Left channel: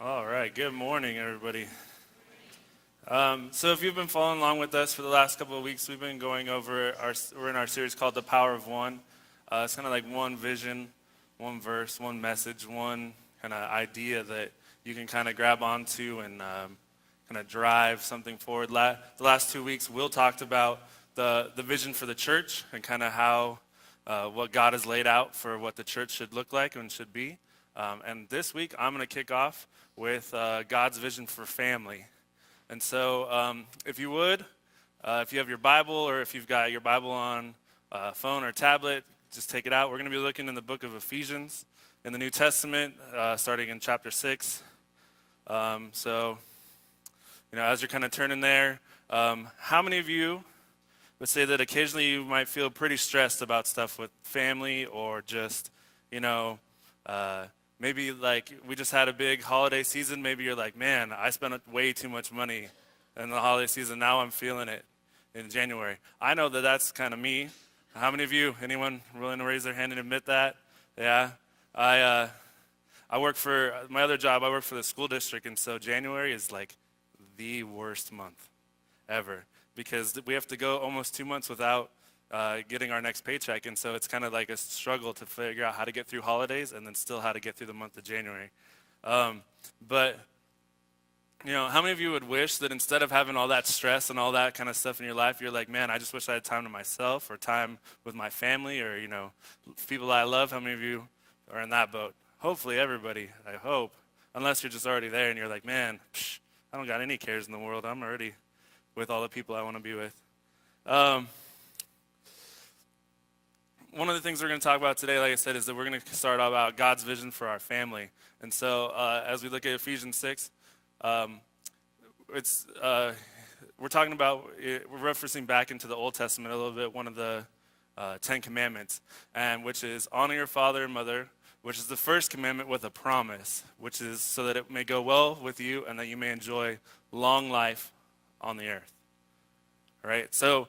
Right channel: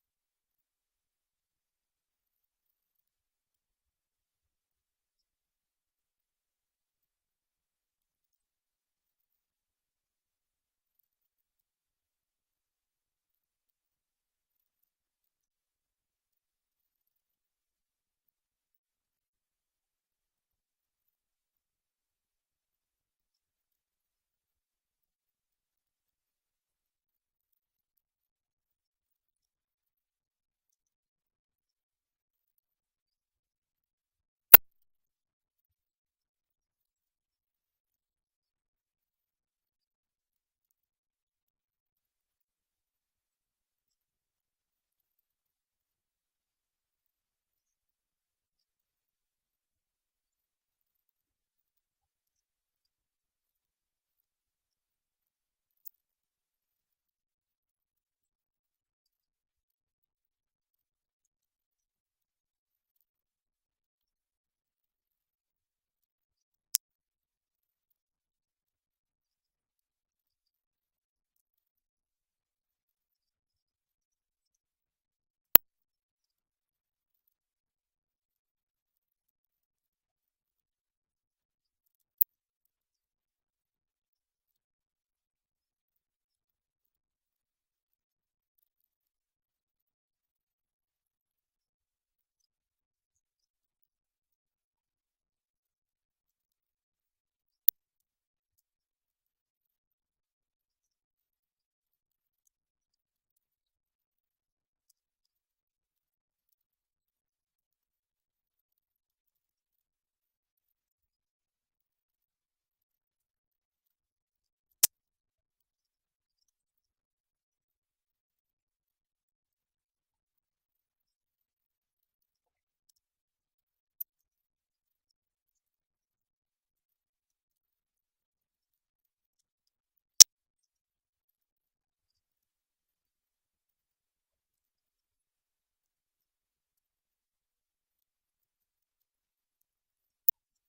All right, good morning, everybody. So if you've been following along with us for the last couple of weeks, we've been going over we're in our series called The Power of One. It's kind of like one vision, one verse, one message, one kind of idea that you can kind of grab onto and kind of drive something forward. The last 2 weeks, Will talked about the vision for the church and kind of how what God has laid out for what the church should look like and should be. And this week, I'm going to kick off with God's vision for family. And so if you would, if you have your Bible or if you've got your Bible on phone or tablet, just take it out. We're going to be looking in the book of Ephesians in the New Testament, starting in chapter 6. So, as you're kind of turning there, how many of you would say that occasionally you might feel pretty stressed about stuff with family or just, maybe like we just had a big holiday season. Maybe you're like, man, I spent way too much money in the holiday season. Now I'm feeling it in January. I know that that's kind of me. How many of you, anyone willing to raise their hand and admit that? Yeah. I work for, my other job, I work for the school district. And so January is like the worst month ever because we have to go almost 2 months without getting our next paycheck, and so it's kind of like a struggle to figure out how to get through holidays and then still how to get through the month of January. But how many of you would wish that instead of having all that stress and all that kind of stuff in your life, you're like, man, I just wish I had time to myself or time with my family or people I love? How many of you are in that boat? Hopefully everybody, I hope, unless you're just already there and you're like, man, I don't got any cares in the world. I'm already with all the people I want to be with. One of the things we're going to talk about today, like I said, is that we're going to start about God's vision for our family. And so as we look at Ephesians 6, we're talking about, we're referencing back into the Old Testament a little bit, one of the 10 commandments, and which is honor your father and mother, which is the first commandment with a promise, which is so that it may go well with you and that you may enjoy long life on the earth. All right? So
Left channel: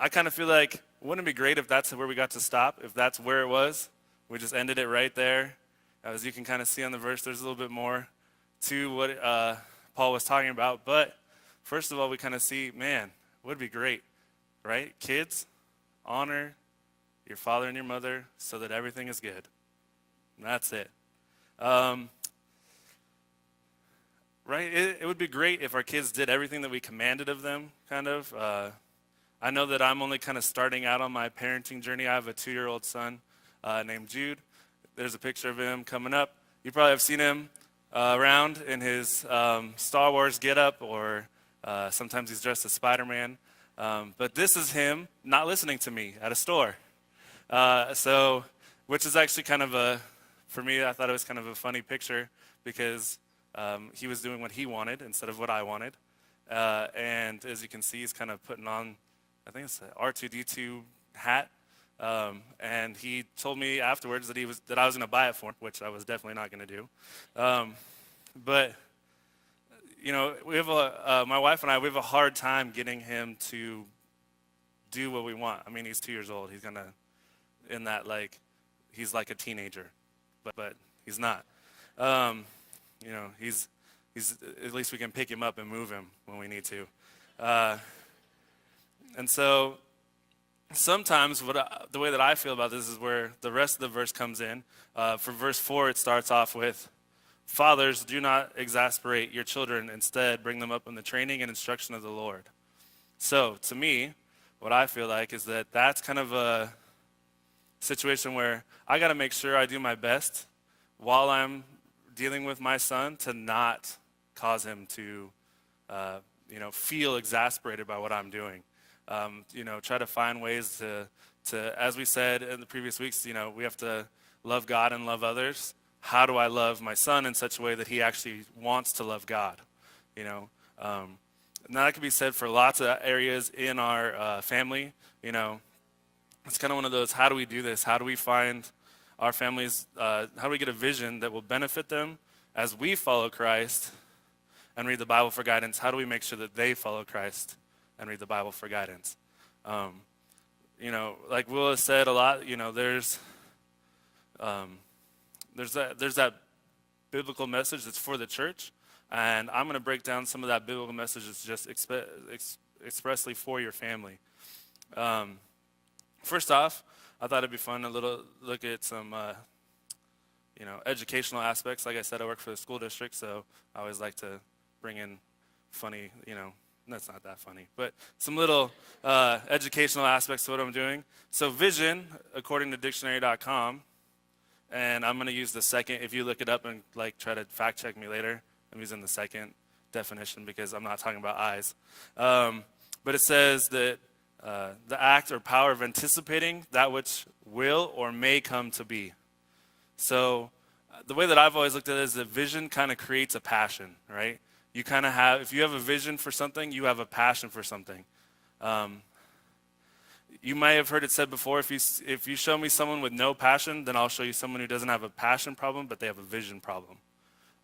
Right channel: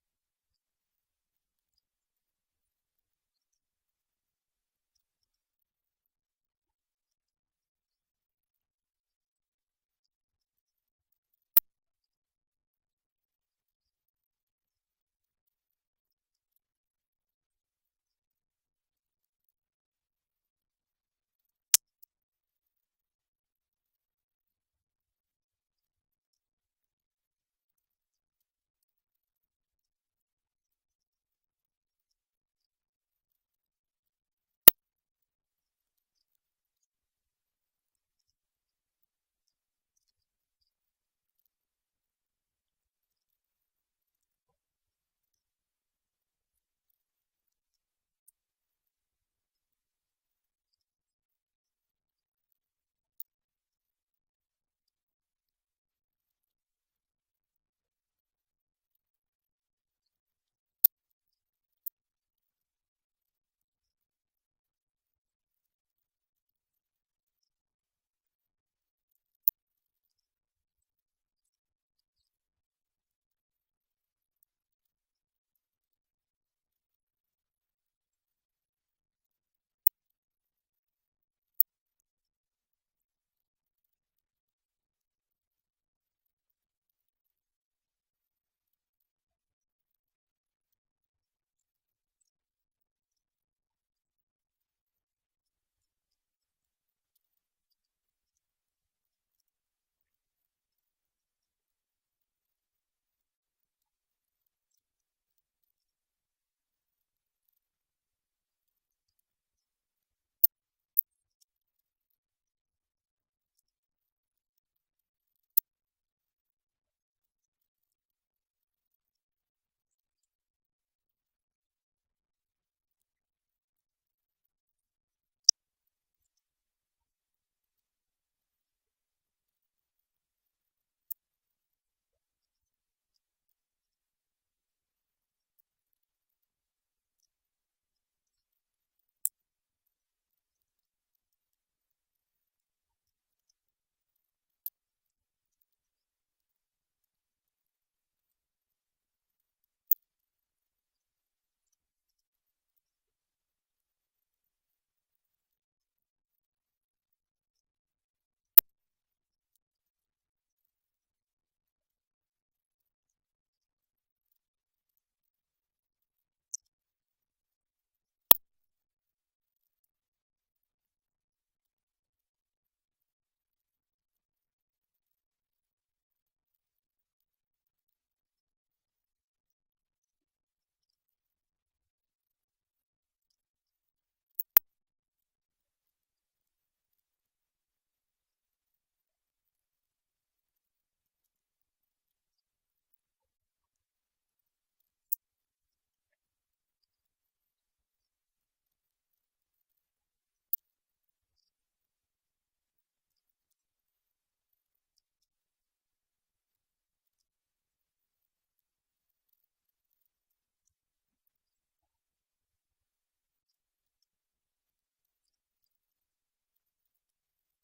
I kind of feel like, wouldn't it be great if that's where we got to stop, if that's where it was? We just ended it right there. As you can kind of see on the verse, there's a little bit more to what Paul was talking about. But first of all, we kind of see, man, would be great, right? Kids, honor your father and your mother so that everything is good. And that's it. Right? It would be great if our kids did everything that we commanded of them, kind of. I know that I'm only kind of starting out on my parenting journey. I have a 2-year-old son named Jude. There's a picture of him coming up. You probably have seen him around in his Star Wars getup, or sometimes he's dressed as Spider-Man. But this is him not listening to me at a store. Which is actually kind of for me, I thought it was kind of a funny picture because he was doing what he wanted instead of what I wanted. And as you can see, he's kind of putting on, I think it's an R2-D2 hat, and he told me afterwards that I was going to buy it for him, which I was definitely not going to do. But we have my wife and I, we have a hard time getting him to do what we want. I mean, he's 2 years old. He's gonna in that he's like a teenager, but he's not. He's at least we can pick him up and move him when we need to. And so sometimes the way that I feel about this is where the rest of the verse comes in. For verse 4, it starts off with, fathers, do not exasperate your children. Instead, bring them up in the training and instruction of the Lord. So to me, what I feel like is that that's kind of a situation where I got to make sure I do my best while I'm dealing with my son to not cause him to, feel exasperated by what I'm doing. Try to find ways to, as we said in the previous weeks, we have to love God and love others. How do I love my son in such a way that he actually wants to love God? And that can be said for lots of areas in our family. It's kind of one of those, how do we do this? How do we find our families, how do we get a vision that will benefit them as we follow Christ and read the Bible for guidance? How do we make sure that they follow Christ and read the Bible for guidance? Like Will has said a lot, there's that biblical message that's for the church, and I'm going to break down some of that biblical message that's just expressly for your family. First off, I thought it'd be fun to look at some educational aspects. Like I said, I work for the school district, so I always like to bring in funny, that's not that funny, but some little educational aspects to what I'm doing. So vision, according to dictionary.com, and I'm going to use the second, if you look it up and try to fact check me later, I'm using the second definition because I'm not talking about eyes. But it says that the act or power of anticipating that which will or may come to be. So the way that I've always looked at it is that vision kind of creates a passion, right? You kind of have, if you have a vision for something, you have a passion for something. You may have heard it said before, if you show me someone with no passion, then I'll show you someone who doesn't have a passion problem, but they have a vision problem.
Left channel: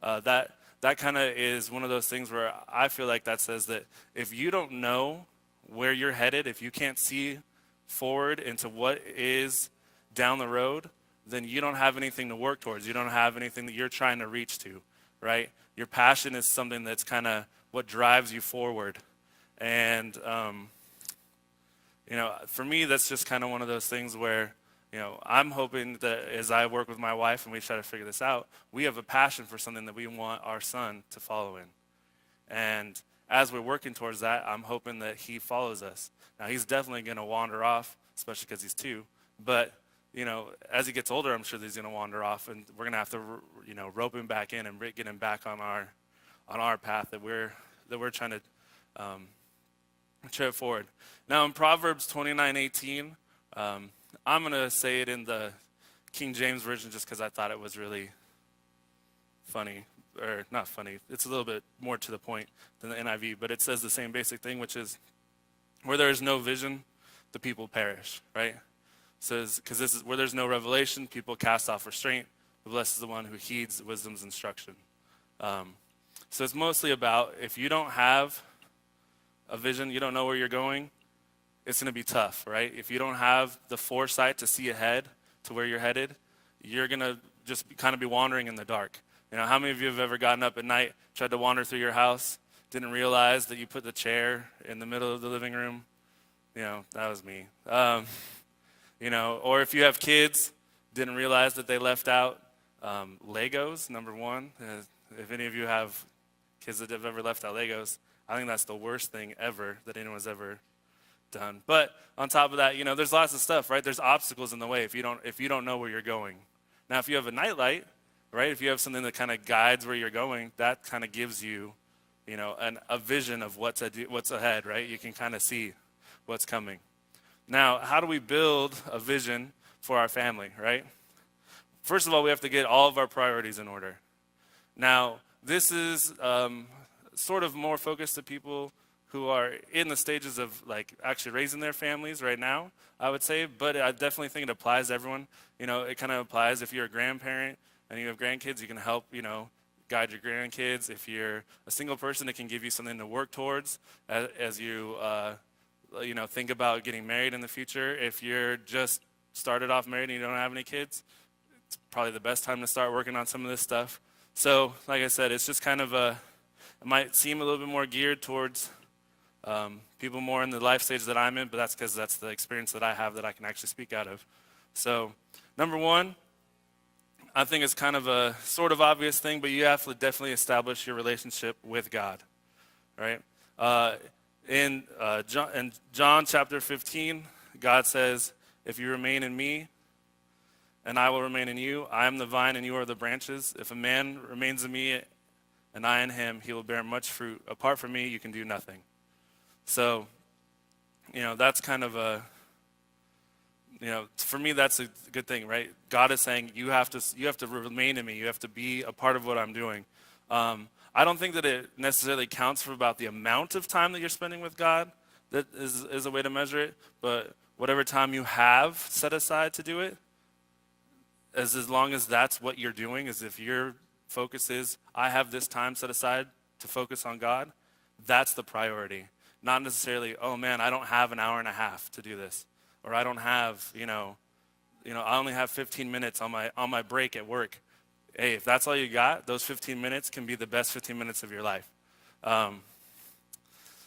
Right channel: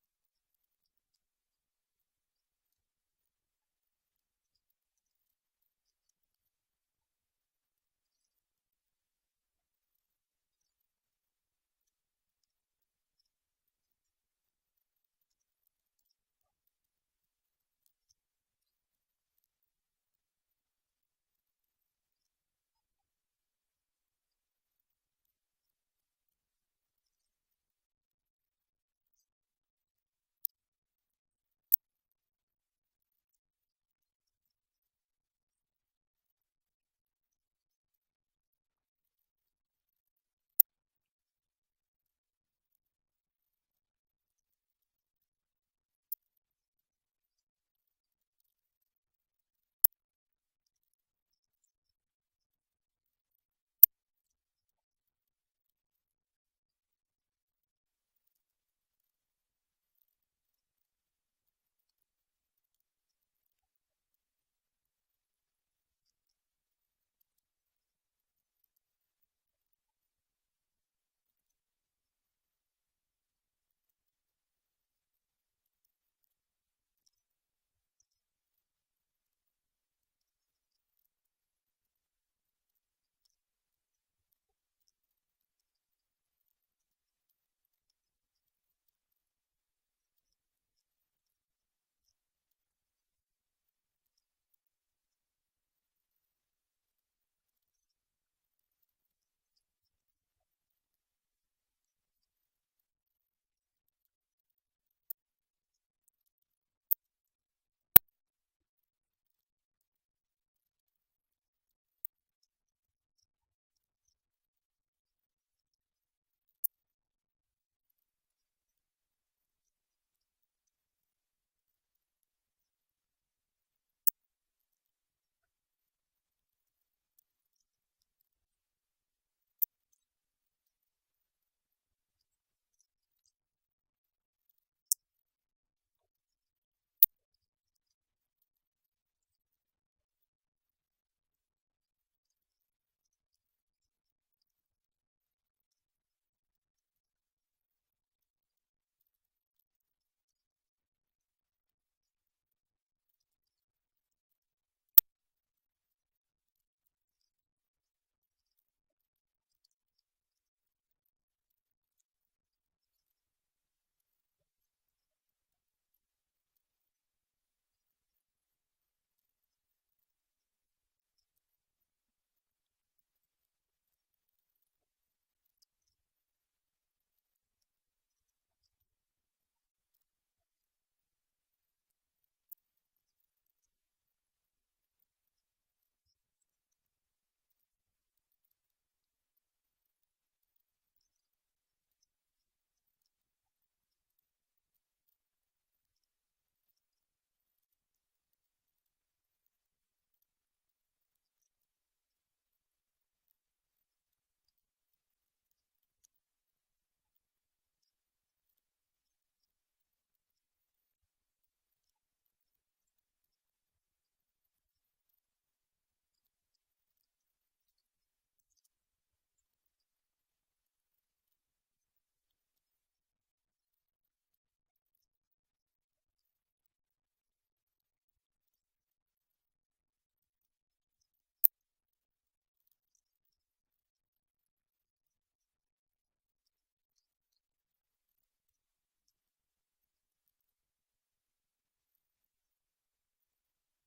That kind of is one of those things where I feel like that says that if you don't know where you're headed, if you can't see forward into what is down the road, then you don't have anything to work towards. You don't have anything that you're trying to reach to, right? Your passion is something that's kind of what drives you forward. And, for me, that's just kind of one of those things where, I'm hoping that as I work with my wife and we try to figure this out, we have a passion for something that we want our son to follow in. And as we're working towards that, I'm hoping that he follows us. Now, he's definitely going to wander off, especially because he's 2. But, as he gets older, I'm sure that he's going to wander off, and we're going to have to, rope him back in and get him back on our path that we're trying to tread forward. Now, in Proverbs 29:18, I'm going to say it in the King James Version just because I thought it was really funny. Or not funny. It's a little bit more to the point than the NIV, but it says the same basic thing, which is, where there is no vision, the people perish, right? It says, because this is where there's no revelation, people cast off restraint, but blessed is the one who heeds wisdom's instruction. So it's mostly about, if you don't have a vision, you don't know where you're going, it's going to be tough, right? If you don't have the foresight to see ahead to where you're headed, you're going to just kind of be wandering in the dark. How many of you have ever gotten up at night, tried to wander through your house, didn't realize that you put the chair in the middle of the living room? That was me. Or if you have kids, didn't realize that they left out Legos, number one. If any of you have kids that have ever left out Legos, I think that's the worst thing ever that anyone's ever done. But on top of that, there's lots of stuff, right? There's obstacles in the way if you don't know where you're going. Now, if you have a nightlight, right? If you have something that kind of guides where you're going, that kind of gives you, a vision of what's ahead, right? You can kind of see what's coming. Now, how do we build a vision for our family, right? First of all, we have to get all of our priorities in order. Now, this is sort of more focused to people who are in the stages of actually raising their families right now, I would say, but I definitely think it applies to everyone. It kind of applies if you're a grandparent and you have grandkids, you can help, guide your grandkids. If you're a single person, it can give you something to work towards as you, think about getting married in the future. If you're just started off married and you don't have any kids, it's probably the best time to start working on some of this stuff. So, like I said, it's just kind of it might seem a little bit more geared towards people more in the life stage that I'm in, but that's because that's the experience that I have that I can actually speak out of. So, number one, I think it's kind of a sort of obvious thing, but you have to definitely establish your relationship with God, right? In John chapter 15, God says, if you remain in me and I will remain in you, I am the vine and you are the branches. If a man remains in me and I in him, he will bear much fruit. Apart from me, you can do nothing. So, that's kind of for me, that's a good thing, right? God is saying you have to remain in me. You have to be a part of what I'm doing. I don't think that it necessarily counts for about the amount of time that you're spending with God. That is a way to measure it. But whatever time you have set aside to do it, as long as that's what you're doing, as if your focus is, I have this time set aside to focus on God, that's the priority. Not necessarily, oh man, I don't have an hour and a half to do this. Or I don't have, I only have 15 minutes on my break at work. hey, if that's all you got, those 15 minutes can be the best 15 minutes of your life. Um,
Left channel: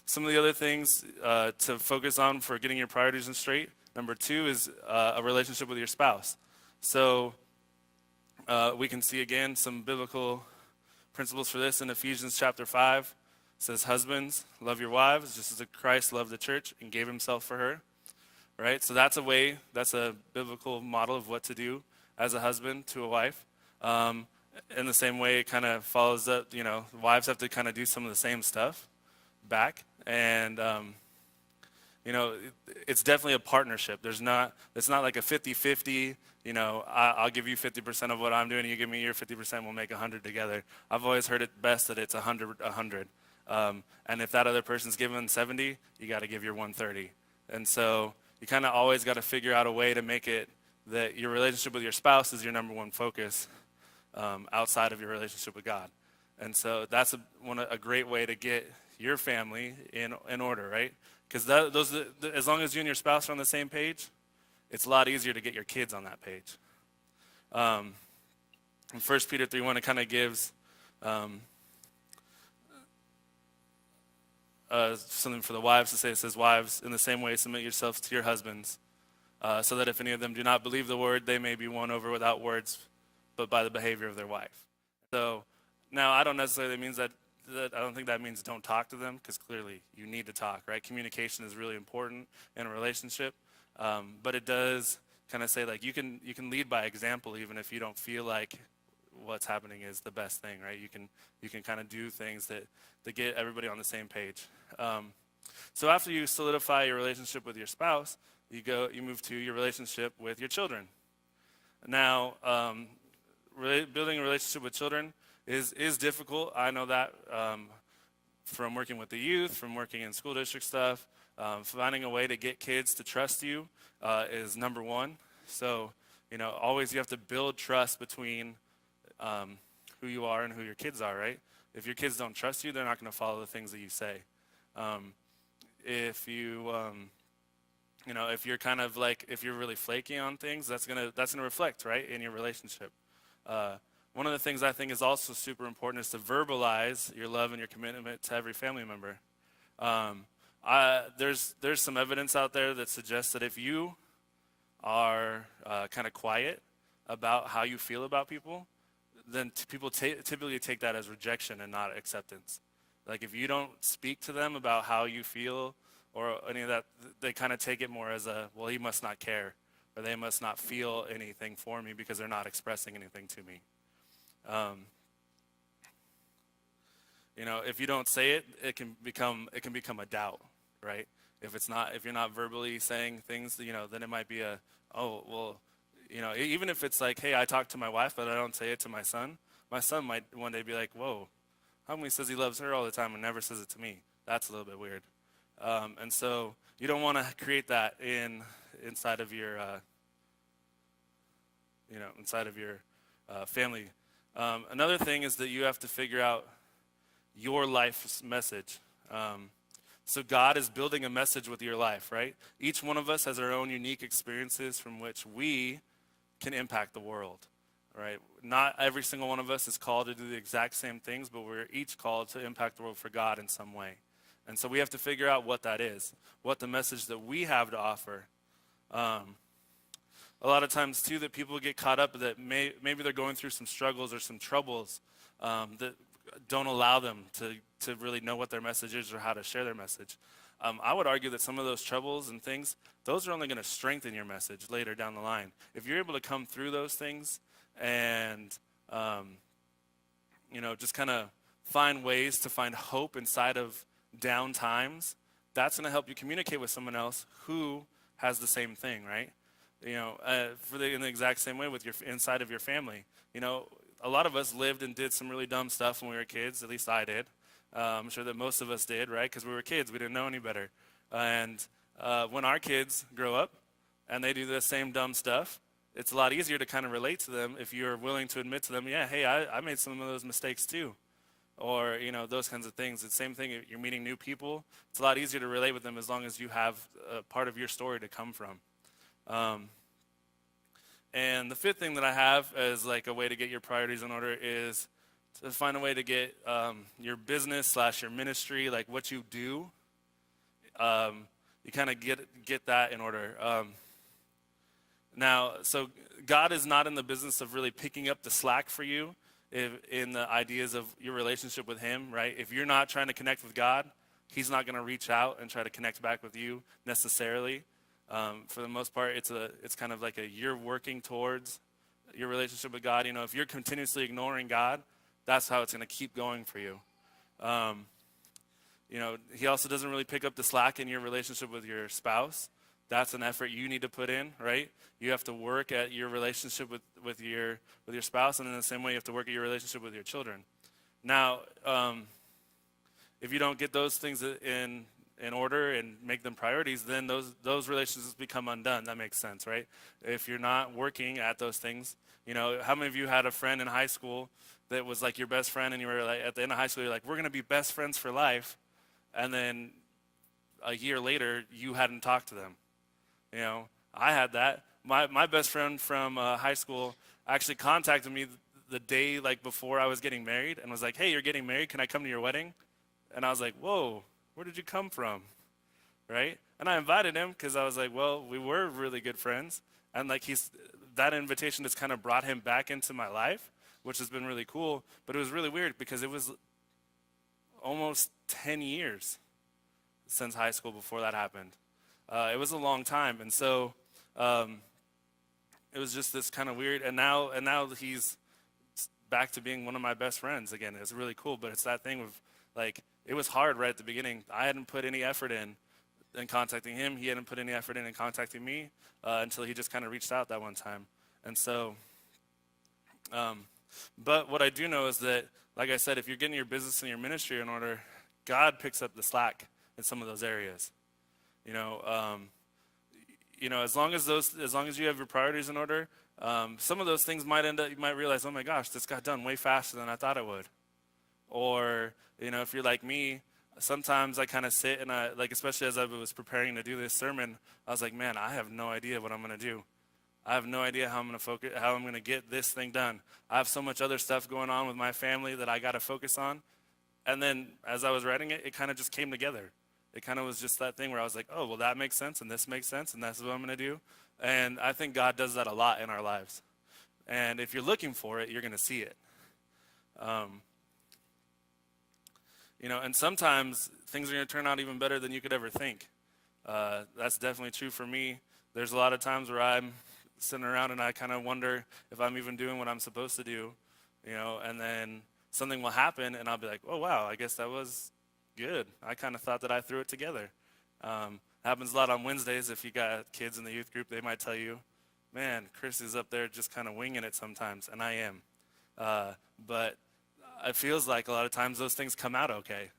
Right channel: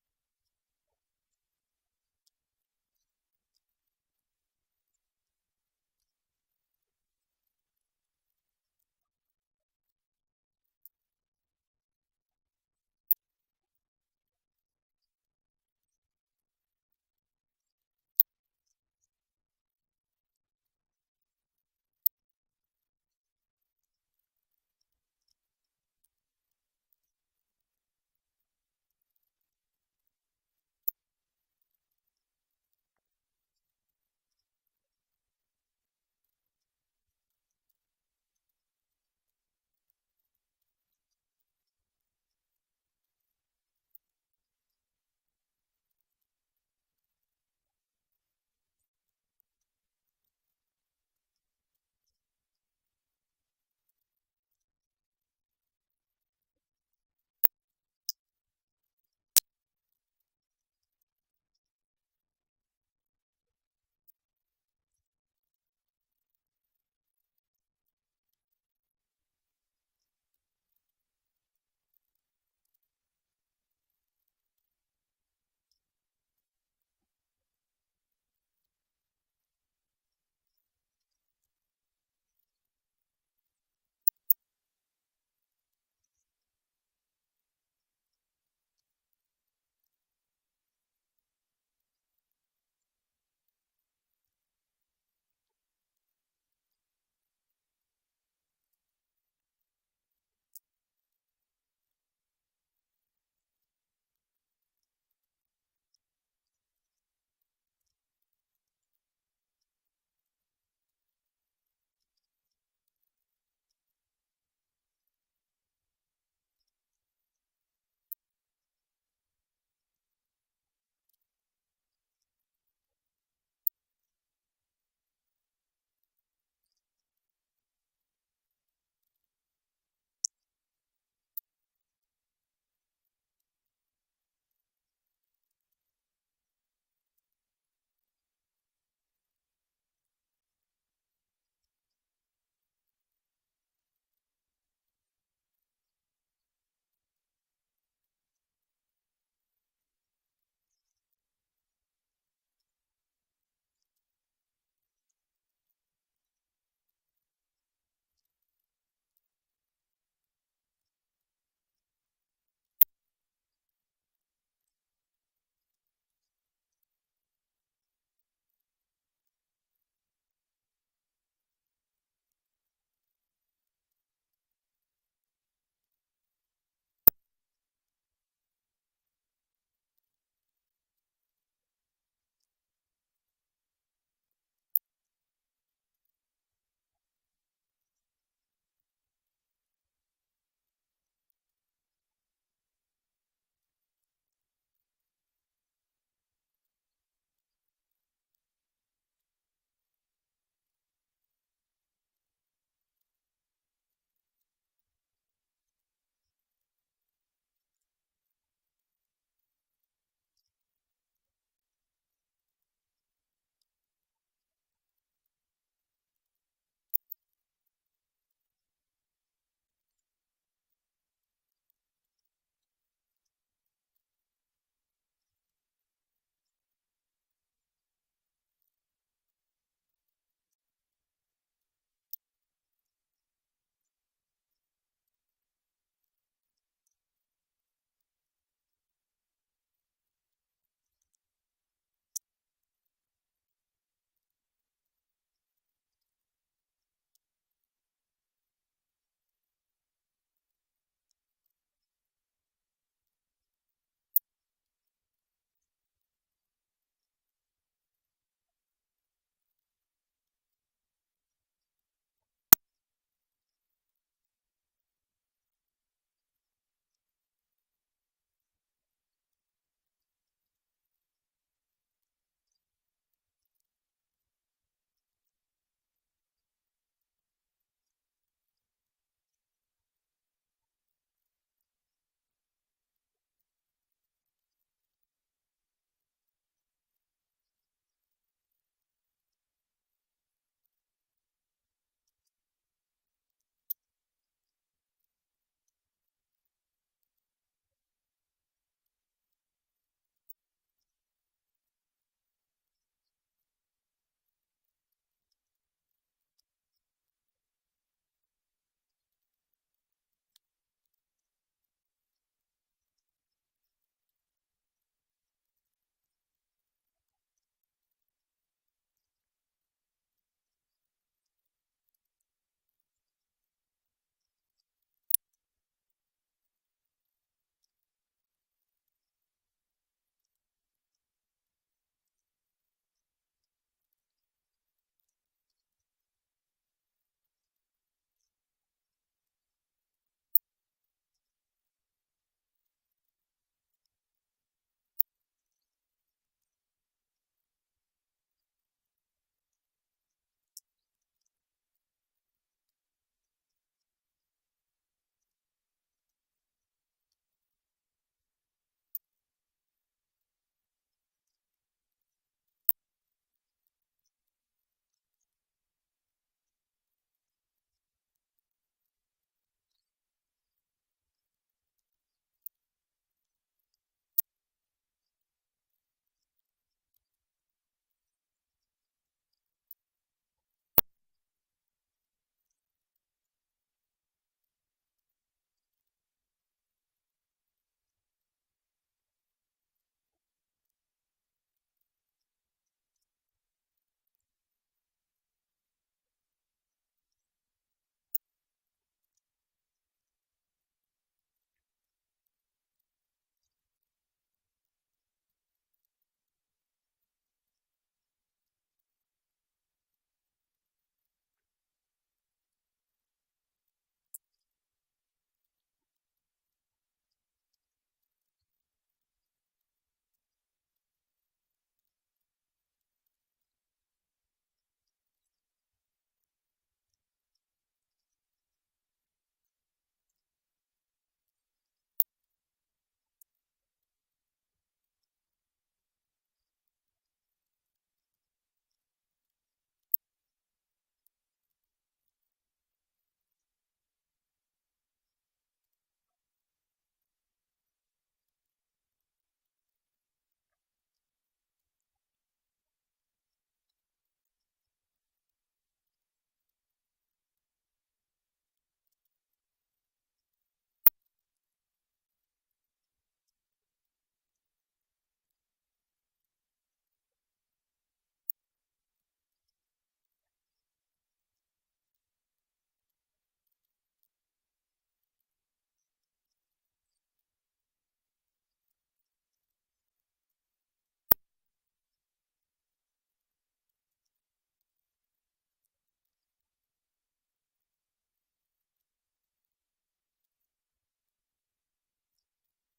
some of the other things to focus on for getting your priorities in straight. Number 2 is a relationship with your spouse. So we can see again some biblical principles for this in Ephesians chapter 5. It says, husbands, love your wives just as Christ loved the church and gave himself for her. Right? So that's a biblical model of what to do as a husband to a wife. In the same way, it kind of follows up, wives have to kind of do some of the same stuff back. And, it's definitely a partnership. It's not like a 50-50, I'll give you 50% of what I'm doing, you give me your 50%, we'll make 100 together. I've always heard it best that it's 100. And if that other person's giving 70, you got to give your 130. And so you kind of always got to figure out a way to make it that your relationship with your spouse is your number one focus outside of your relationship with God. And so that's a great way to get your family in order, right? Because as long as you and your spouse are on the same page, it's a lot easier to get your kids on that page. In 1 Peter 3:1, it kind of gives something for the wives to say. It says, wives, in the same way, submit yourselves to your husbands, so that if any of them do not believe the word, they may be won over without words, but by the behavior of their wife. So now I don't necessarily mean that I don't think that means don't talk to them, because clearly you need to talk, right? Communication is really important in a relationship, but it does kind of say, like, you can lead by example even if you don't feel like what's happening is the best thing, right? You can kind of do things that get everybody on the same page. So after you solidify your relationship with your spouse, you move to your relationship with your children. Now, building a relationship with children is difficult. I know that from working with the youth, from working in school district stuff. Finding a way to get kids to trust you is number one. So, always you have to build trust between who you are and who your kids are, right? If your kids don't trust you, they're not going to follow the things that you say. If you're kind of like, if you're really flaky on things, that's gonna reflect, right, in your relationship. One of the things I think is also super important is to verbalize your love and your commitment to every family member. There's some evidence out there that suggests that if you are kind of quiet about how you feel about people, then people typically take that as rejection and not acceptance. Like, if you don't speak to them about how you feel or any of that, they kind of take it more as well, he must not care, or they must not feel anything for me because they're not expressing anything to me. If you don't say it, it can become a doubt, right? If you're not verbally saying things, then it might be even if it's like, hey, I talk to my wife, but I don't say it to my son might one day be like, whoa, how come he says he loves her all the time and never says it to me? That's a little bit weird. And so you don't want to create that inside of your family. Another thing is that you have to figure out your life's message. So God is building a message with your life, right? Each one of us has our own unique experiences from which we can impact the world, right? Not every single one of us is called to do the exact same things, but we're each called to impact the world for God in some way. And so we have to figure out what that is, what the message that we have to offer. A lot of times, too, that people get caught up that maybe they're going through some struggles or some troubles that don't allow them to really know what their message is or how to share their message. I would argue that some of those troubles and things, those are only going to strengthen your message later down the line. If you're able to come through those things and, just kind of find ways to find hope inside of down times, that's going to help you communicate with someone else who has the same thing, right? In the exact same way with inside of your family. A lot of us lived and did some really dumb stuff when we were kids. At least I did. I'm sure that most of us did, right? Because we were kids. We didn't know any better. And when our kids grow up and they do the same dumb stuff, it's a lot easier to kind of relate to them if you're willing to admit to them, yeah, hey, I made some of those mistakes too. Or, those kinds of things. It's the same thing. You're meeting new people. It's a lot easier to relate with them as long as you have a part of your story to come from. And the fifth thing that I have as like a way to get your priorities in order is to find a way to get your business / your ministry, like what you do, you kind of get that in order. Now, so God is not in the business of really picking up the slack for you in the ideas of your relationship with Him, right? If you're not trying to connect with God, He's not going to reach out and try to connect back with you necessarily. For the most part, it's kind of like you're working towards your relationship with God. You know, if you're continuously ignoring God, that's how it's going to keep going for you. You know, He also doesn't really pick up the slack in your relationship with your spouse. That's an effort you need to put in, right? You have to work at your relationship with your spouse, and in the same way, you have to work at your relationship with your children. Now, if you don't get those things in order and make them priorities, then those relationships become undone. That makes sense, right? If you're not working at those things, you know, how many of you had a friend in high school that was like your best friend, and you were like, at the end of high school, you're like, we're going to be best friends for life, and then a year later, you hadn't talked to them. You know, I had that. My best friend from high school actually contacted me the day like before I was getting married and was like, hey, you're getting married, can I come to your wedding? And I was like, whoa, where did you come from, right? And I invited him because I was like, well, we were really good friends. And like that invitation just kind of brought him back into my life, which has been really cool. But it was really weird because it was almost 10 years since high school before that happened. It was a long time. And so it was just this kind of weird. And now he's back to being one of my best friends again. It's really cool. But it's that thing of like, it was hard right at the beginning. I hadn't put any effort in contacting him. He hadn't put any effort in contacting me until he just kind of reached out that one time. And so, but what I do know is that, like I said, if you're getting your business and your ministry in order, God picks up the slack in some of those areas. You know, as long as you have your priorities in order, some of those things might end up, you might realize, oh my gosh, this got done way faster than I thought it would. Or, you know, if you're like me, sometimes I kind of sit and especially as I was preparing to do this sermon, I was like, man, I have no idea what I'm going to do. I have no idea how I'm going to focus, how I'm going to get this thing done. I have so much other stuff going on with my family that I got to focus on. And then as I was writing it, it kind of just came together. It kind of was just that thing where I was like, oh, well, that makes sense, and this makes sense, and that's what I'm going to do. And I think God does that a lot in our lives. And if you're looking for it, you're going to see it. You know, and sometimes things are going to turn out even better than you could ever think. That's definitely true for me. There's a lot of times where I'm sitting around and I kind of wonder if I'm even doing what I'm supposed to do, you know, and then something will happen and I'll be like, oh, wow, I guess that was good. I kind of thought that I threw it together. Happens a lot on Wednesdays. If you got kids in the youth group, they might tell you, man, Chris is up there just kind of winging it sometimes, and I am. But it feels like a lot of times those things come out okay,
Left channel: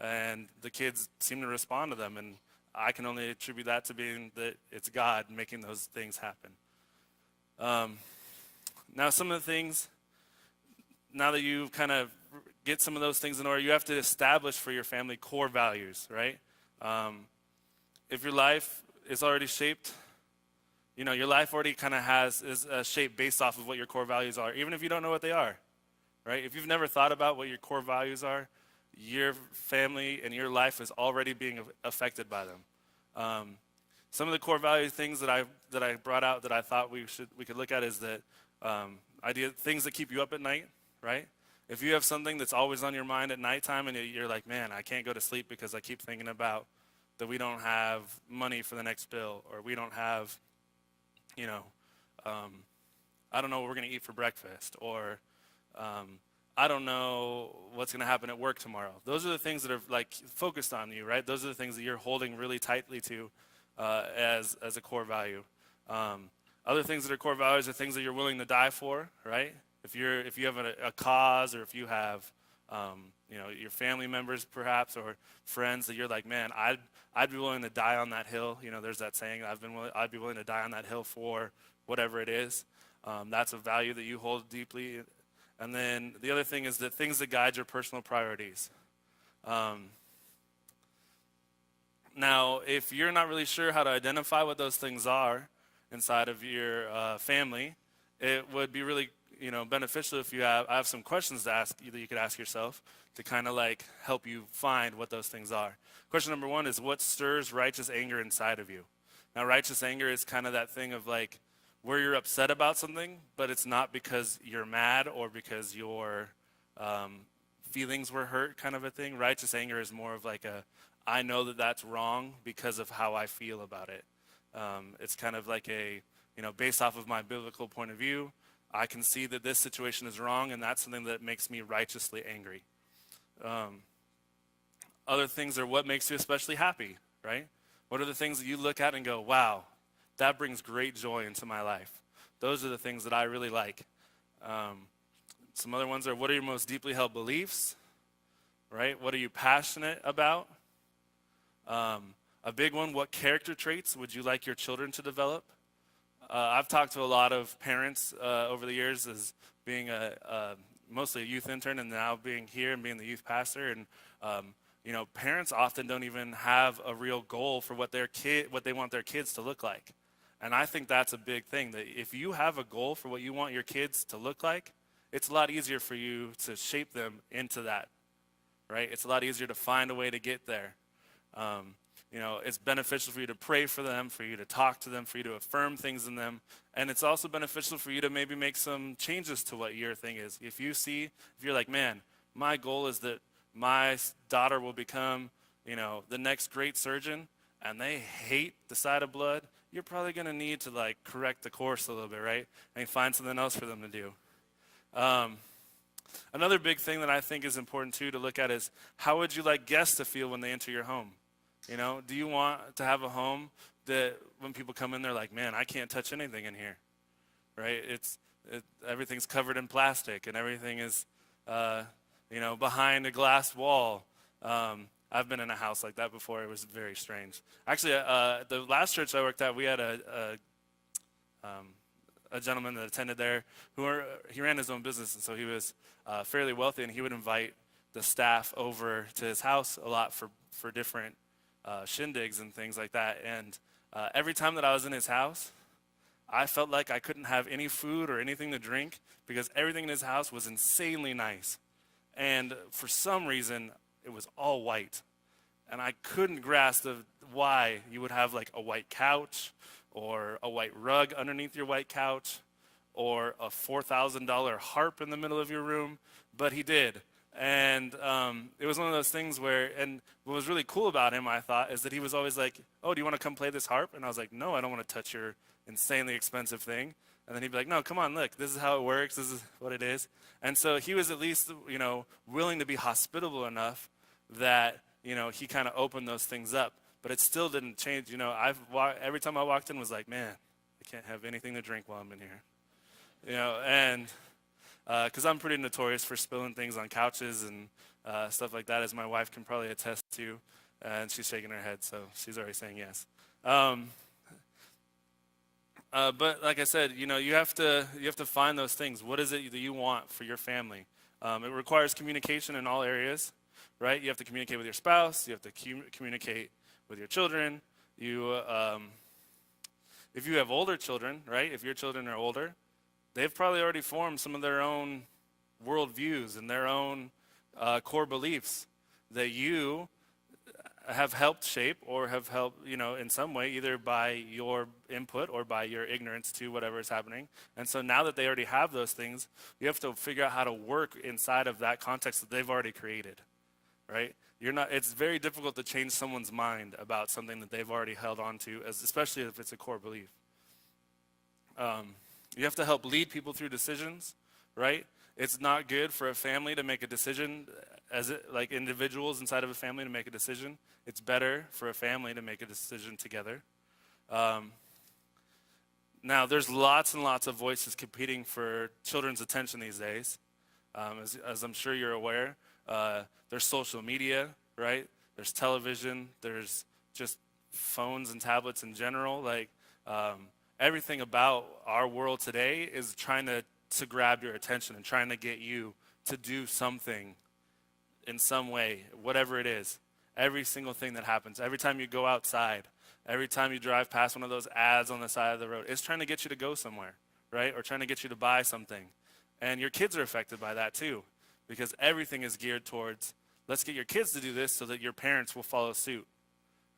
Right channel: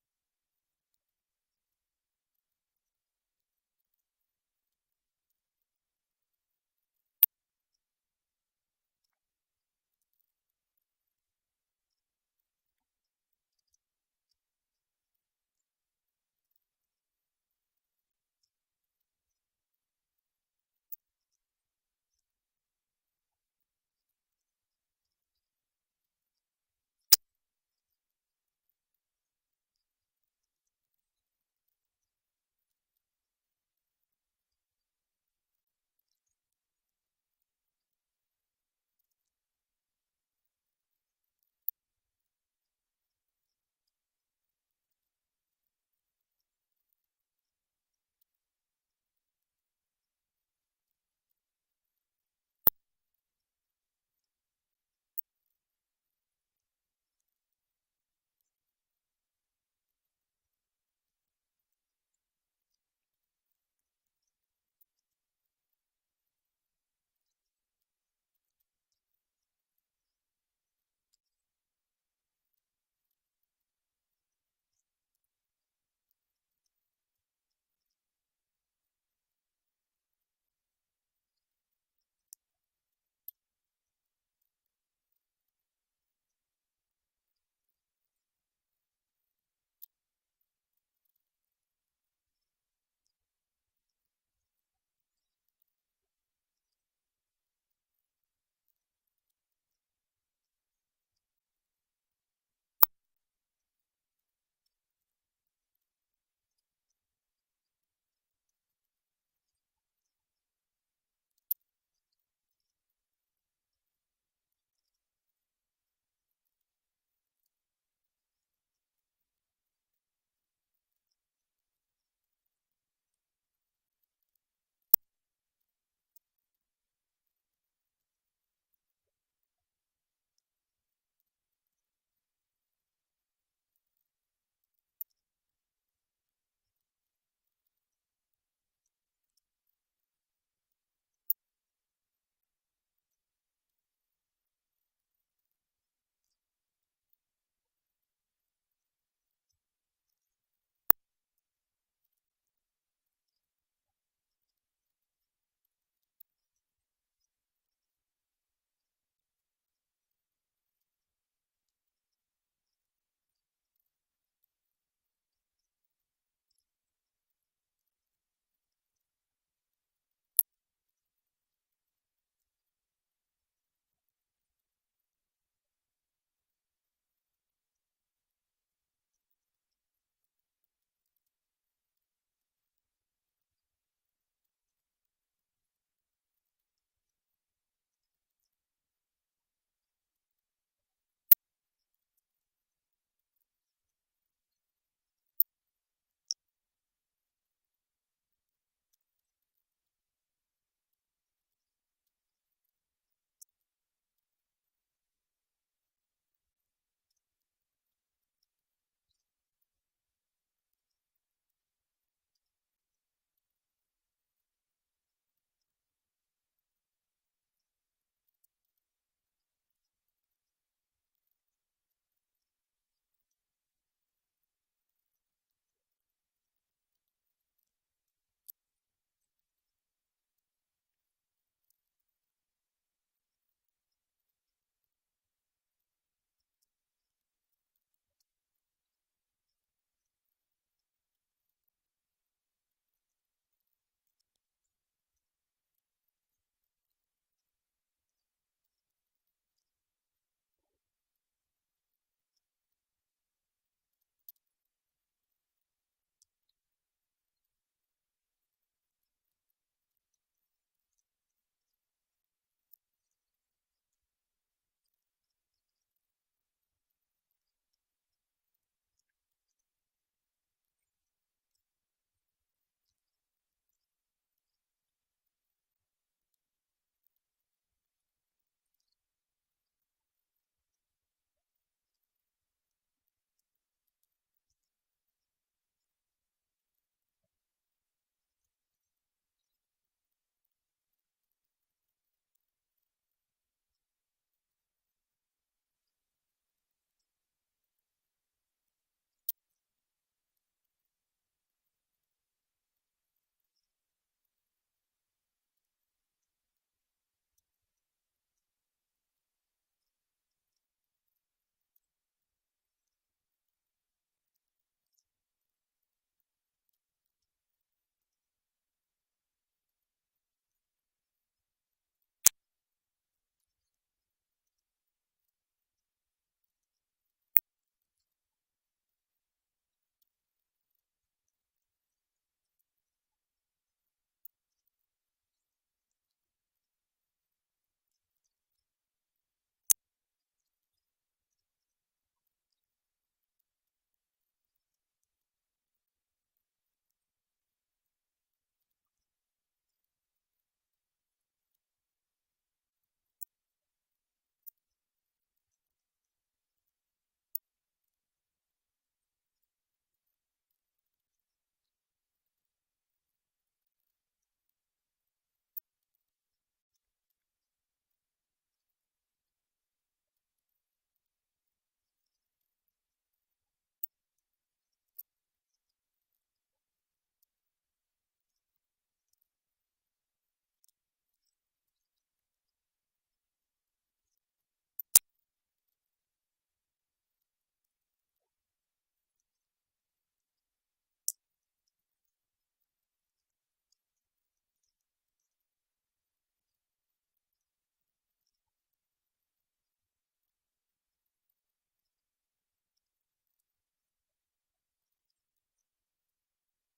and the kids seem to respond to them, and I can only attribute that to being that it's God making those things happen. Now, some of the things, now that you kind of get some of those things in order, you have to establish for your family core values, right? If your life is already shaped, you know, your life already kind of is a shape based off of what your core values are, even if you don't know what they are, right? If you've never thought about what your core values are, your family and your life is already being affected by them. Some of the core value things that I brought out that I thought we could look at is that things that keep you up at night, right? If you have something that's always on your mind at nighttime and you're like, man, I can't go to sleep because I keep thinking about that we don't have money for the next bill, or we don't have, you know, I don't know what we're going to eat for breakfast, or I don't know what's going to happen at work tomorrow. Those are the things that are like focused on you, right? Those are the things that you're holding really tightly to as a core value. Other things that are core values are things that you're willing to die for, right? If you have a cause, or if you have you know, your family members perhaps, or friends that you're like, man, I'd be willing to die on that hill. You know, there's that saying, I'd be willing to die on that hill for whatever it is. That's a value that you hold deeply. And then the other thing is the things that guide your personal priorities. Now, if you're not really sure how to identify what those things are, inside of your family, it would be really beneficial if I have some questions to ask you that you could ask yourself to kind of like help you find what those things are. Question number one is, what stirs righteous anger inside of you? Now, righteous anger is kind of that thing of like where you're upset about something, but it's not because you're mad or because your feelings were hurt kind of a thing. Righteous anger is more of like I know that that's wrong because of how I feel about it. It's kind of like based off of my biblical point of view, I can see that this situation is wrong, and that's something that makes me righteously angry. Other things are what makes you especially happy, right? What are the things that you look at and go, wow, that brings great joy into my life? Those are the things that I really like. Some other ones are, what are your most deeply held beliefs, right? What are you passionate about? A big one, what character traits would you like your children to develop? I've talked to a lot of parents over the years as being mostly a youth intern and now being here and being the youth pastor. And, parents often don't even have a real goal for what they want their kids to look like. And I think that's a big thing, that if you have a goal for what you want your kids to look like, it's a lot easier for you to shape them into that, right? It's a lot easier to find a way to get there. It's beneficial for you to pray for them, for you to talk to them, for you to affirm things in them. And it's also beneficial for you to maybe make some changes to what your thing is. If you're like, man, my goal is that my daughter will become, the next great surgeon, and they hate the sight of blood, you're probably going to need to like correct the course a little bit, right? And find something else for them to do. Another big thing that I think is important too to look at is, how would you like guests to feel when they enter your home? Do you want to have a home that when people come in, they're like, man, I can't touch anything in here, right? Everything's covered in plastic and everything is, behind a glass wall. I've been in a house like that before. It was very strange. Actually, the last church I worked at, we had a gentleman that attended there he ran his own business, and so he was fairly wealthy, and he would invite the staff over to his house a lot for different shindigs and things like that. And every time that I was in his house, I felt like I couldn't have any food or anything to drink because everything in his house was insanely nice. And for some reason, it was all white. And I couldn't grasp why you would have like a white couch or a white rug underneath your white couch or a $4,000 harp in the middle of your room, but he did. And it was one of those things where, and what was really cool about him, I thought, is that he was always like, oh, do you want to come play this harp? And I was like, no, I don't want to touch your insanely expensive thing. And then he'd be like, no, come on, look, this is how it works, this is what it is. And so he was at least, willing to be hospitable enough that, he kind of opened those things up. But it still didn't change. Every time I walked in was like, man, I can't have anything to drink while I'm in here. And because I'm pretty notorious for spilling things on couches and stuff like that, as my wife can probably attest to. And she's shaking her head, so she's already saying yes. But like I said, you have to find those things. What is it that you want for your family? It requires communication in all areas, right? You have to communicate with your spouse. You have to communicate with your children. If you have older children, right? If your children are older, they've probably already formed some of their own worldviews and their own core beliefs that you have helped shape or have helped, in some way, either by your input or by your ignorance to whatever is happening. And so now that they already have those things, you have to figure out how to work inside of that context that they've already created, right? It's very difficult to change someone's mind about something that they've already held on to, especially if it's a core belief. You have to help lead people through decisions, right? It's not good for a family to make a decision like individuals inside of a family to make a decision. It's better for a family to make a decision together. Now, there's lots and lots of voices competing for children's attention these days. As I'm sure you're aware, there's social media, right? There's television. There's just phones and tablets in general. Like everything about our world today is trying to grab your attention and trying to get you to do something in some way, whatever it is. Every single thing that happens, every time you go outside, Every time you drive past one of those ads on the side of the road, it's trying to get you to go somewhere, right? Or trying to get you to buy something. And your kids are affected by that too, because everything is geared towards, let's get your kids to do this so that your parents will follow suit,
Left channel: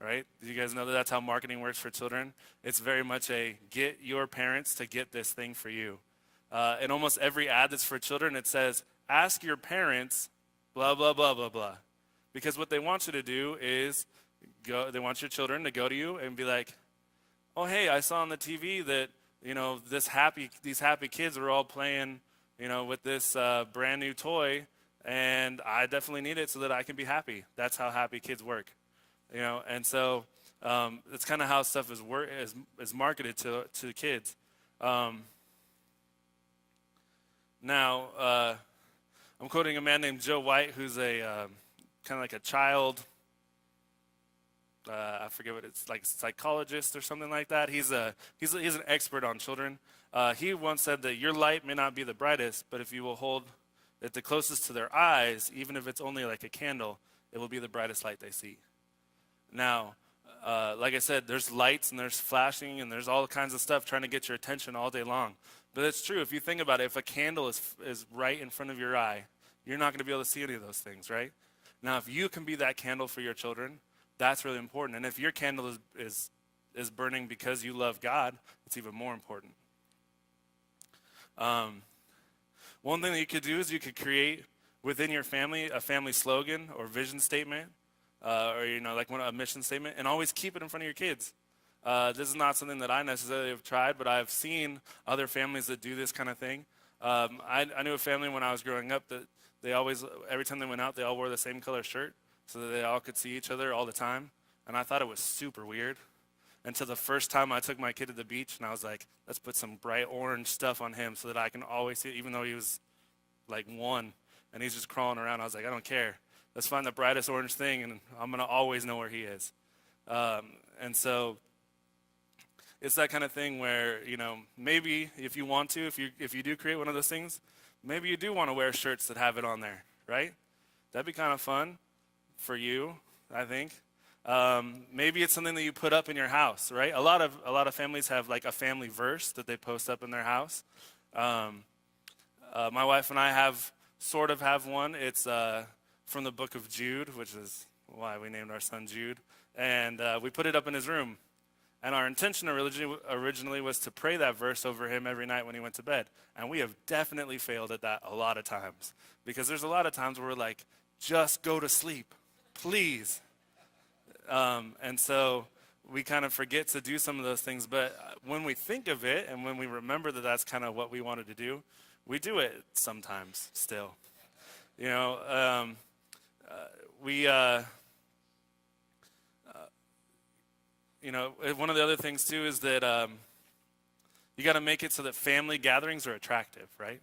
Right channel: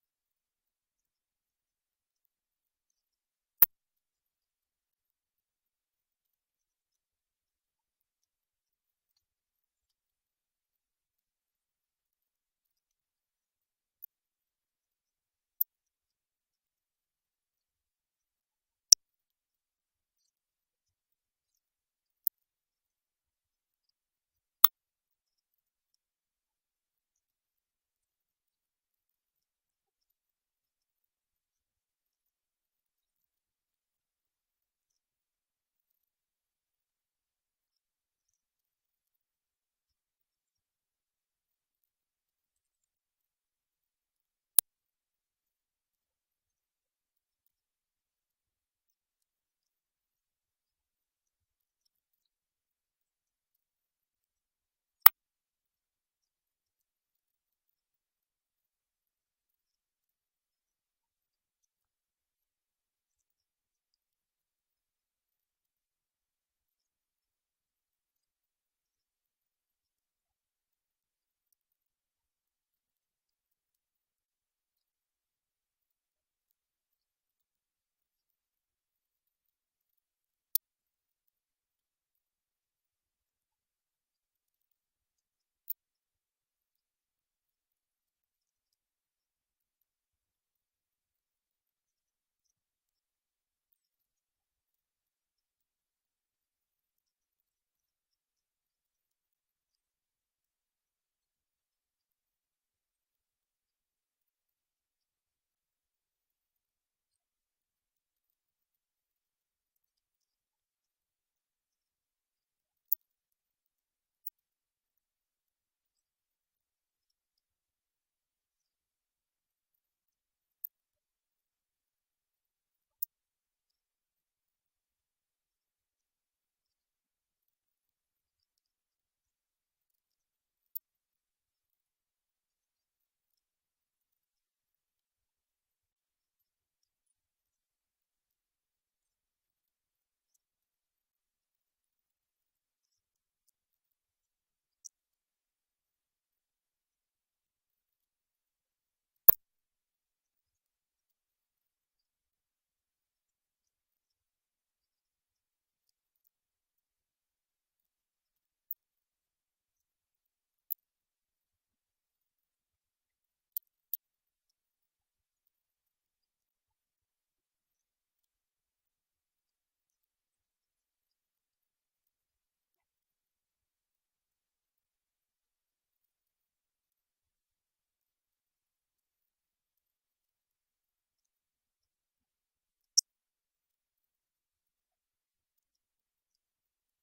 right? Do you guys know that that's how marketing works for children? It's very much a get your parents to get this thing for you. In almost every ad that's for children, it says, ask your parents, blah, blah, blah, blah, blah. Because what they want you to do is, they want your children to go to you and be like, oh, hey, I saw on the TV that, these happy kids are all playing, with this brand new toy, and I definitely need it so that I can be happy. That's how happy kids work, and so it's kind of how stuff is marketed to kids. Now, I'm quoting a man named Joe White, who's a kind of like a child. I forget what it's like, psychologist or something like that. He's an expert on children. He once said that your light may not be the brightest, but if you will hold it the closest to their eyes, even if it's only like a candle, it will be the brightest light they see. Now, like I said, there's lights and there's flashing and there's all kinds of stuff trying to get your attention all day long. But it's true. If you think about it, if a candle is right in front of your eye, you're not going to be able to see any of those things, right? Now, if you can be that candle for your children, that's really important. And if your candle is burning because you love God, it's even more important. One thing that you could do is you could create within your family a family slogan or vision statement, or like a mission statement, and always keep it in front of your kids. This is not something that I necessarily have tried, but I've seen other families that do this kind of thing. I knew a family when I was growing up that they always, every time they went out, they all wore the same color shirt so that they all could see each other all the time. And I thought it was super weird until the first time I took my kid to the beach, and I was like, let's put some bright orange stuff on him so that I can always see it, even though he was like 1 and he's just crawling around. I was like, I don't care. Let's find the brightest orange thing, and I'm going to always know where he is. And so it's that kind of thing where, maybe if you want to, if you do create one of those things, maybe you do want to wear shirts that have it on there, right? That'd be kind of fun for you, I think. Maybe it's something that you put up in your house, right? A lot of families have like a family verse that they post up in their house. My wife and I sort of have one. It's from the book of Jude, which is why we named our son Jude. And we put it up in his room. And our intention originally was to pray that verse over him every night when he went to bed. And we have definitely failed at that a lot of times. Because there's a lot of times where we're like, just go to sleep, please. And so we kind of forget to do some of those things. But when we think of it and when we remember that that's kind of what we wanted to do, we do it sometimes still. One of the other things too is that you got to make it so that family gatherings are attractive, right?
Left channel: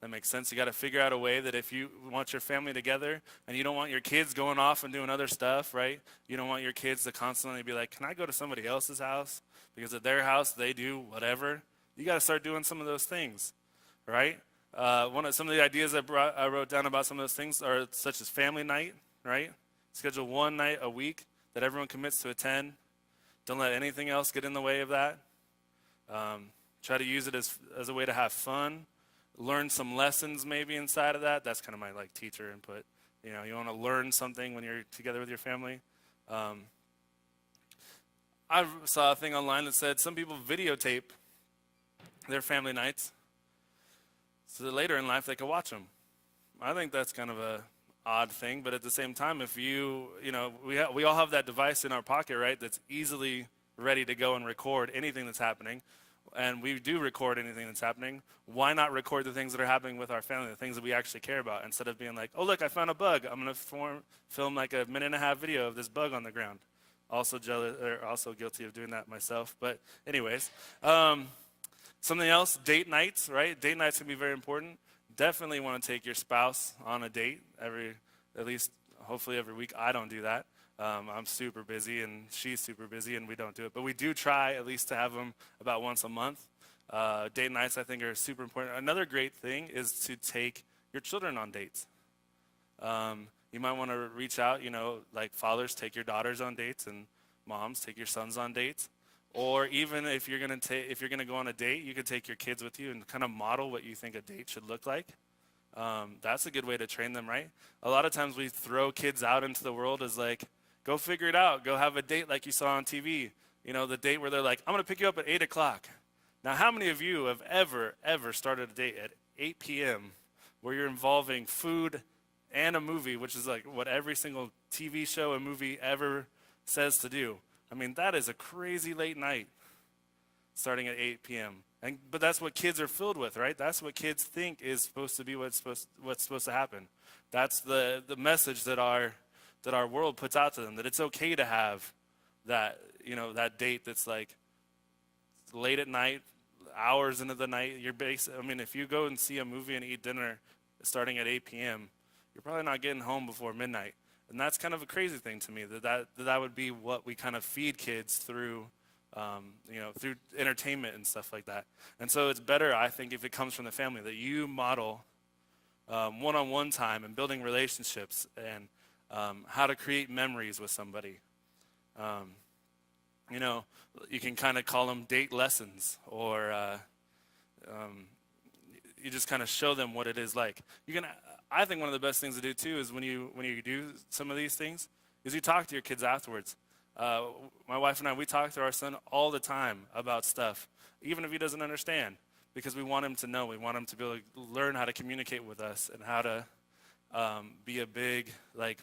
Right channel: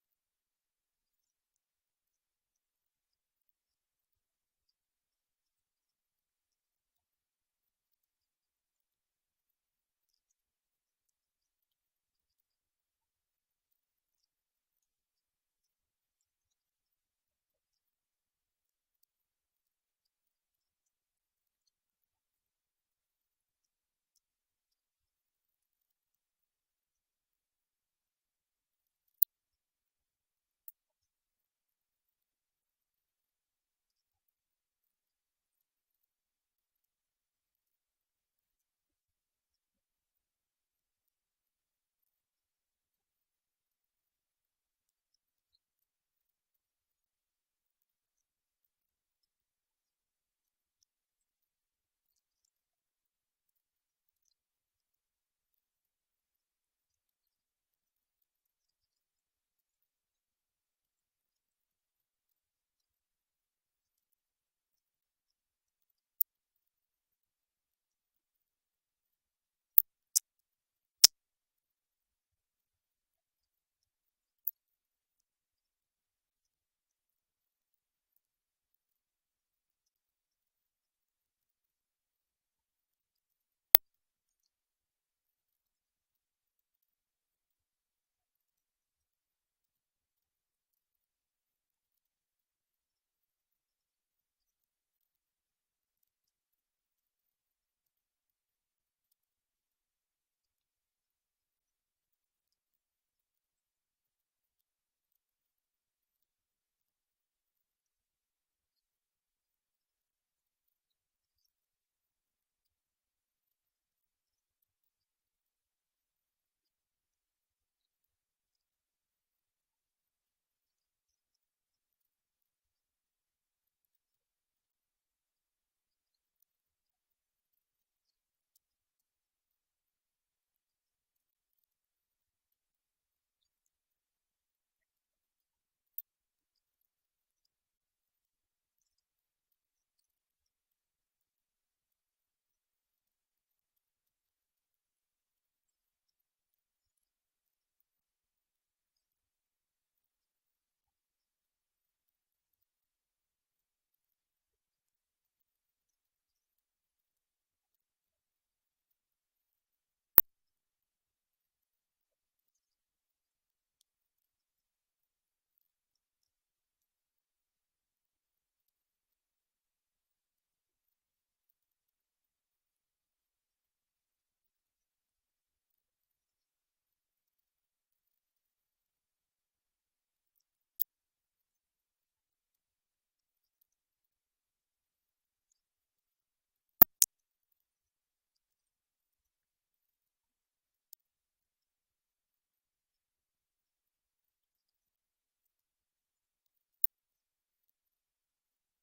That makes sense. You got to figure out a way that if you want your family together and you don't want your kids going off and doing other stuff, right? You don't want your kids to constantly be like, can I go to somebody else's house? Because at their house, they do whatever. You got to start doing some of those things, right? Some of the ideas I wrote down about some of those things are such as family night, right? Schedule one night a week that everyone commits to attend. Don't let anything else get in the way of that. Try to use it as a way to have fun. Learn some lessons maybe inside of that. That's kind of my teacher input. You want to learn something when you're together with your family. I saw a thing online that said some people videotape their family nights so that later in life they can watch them. I think that's kind of a odd thing, but at the same time, if we all have that device in our pocket, right, that's easily ready to go and record anything that's happening, and we do record anything that's happening. Why not record the things that are happening with our family, the things that we actually care about, instead of being like, oh, look, I found a bug. I'm going to film like a 1.5-minute video of this bug on the ground. Also guilty of doing that myself. But anyways, something else, date nights, right? Date nights can be very important. Definitely want to take your spouse on a date hopefully every week. I don't do that. I'm super busy and she's super busy and we don't do it. But we do try at least to have them about once a month. Date nights I think are super important. Another great thing is to take your children on dates. You might want to reach out, like fathers, take your daughters on dates and Moms, take your sons on dates. Or even if you're gonna go on a date, you could take your kids with you and kind of model what you think a date should look like. That's a good way to train them, right? A lot of times we throw kids out into the world as like, go figure it out. Go have a date like you saw on TV. You know, the date where they're like, I'm gonna pick you up at 8 o'clock. Now, how many of you have ever started a date at 8 p.m. where you're involving food and a movie, which is like what every single TV show and movie ever says to do? I mean, that is a crazy late night starting at 8 p.m. But that's what kids are filled with, right? That's what kids think is supposed to be what's supposed to happen. That's the message that our world puts out to them, that it's okay to have that, that date that's like late at night, hours into the night. I mean, if you go and see a movie and eat dinner starting at 8 p.m., you're probably not getting home before midnight. And that's kind of a crazy thing to me, that would be what we kind of feed kids through, through entertainment and stuff like that. And so it's better, I think, if it comes from the family, that you model one-on-one time and building relationships and how to create memories with somebody. You can kind of call them date lessons, or you just kind of show them what it is like. I think one of the best things to do too is when you do some of these things, is you talk to your kids afterwards. My wife and I, we talk to our son all the time about stuff, even if he doesn't understand, because we want him to know. We want him to be able to learn how to communicate with us and how to be a big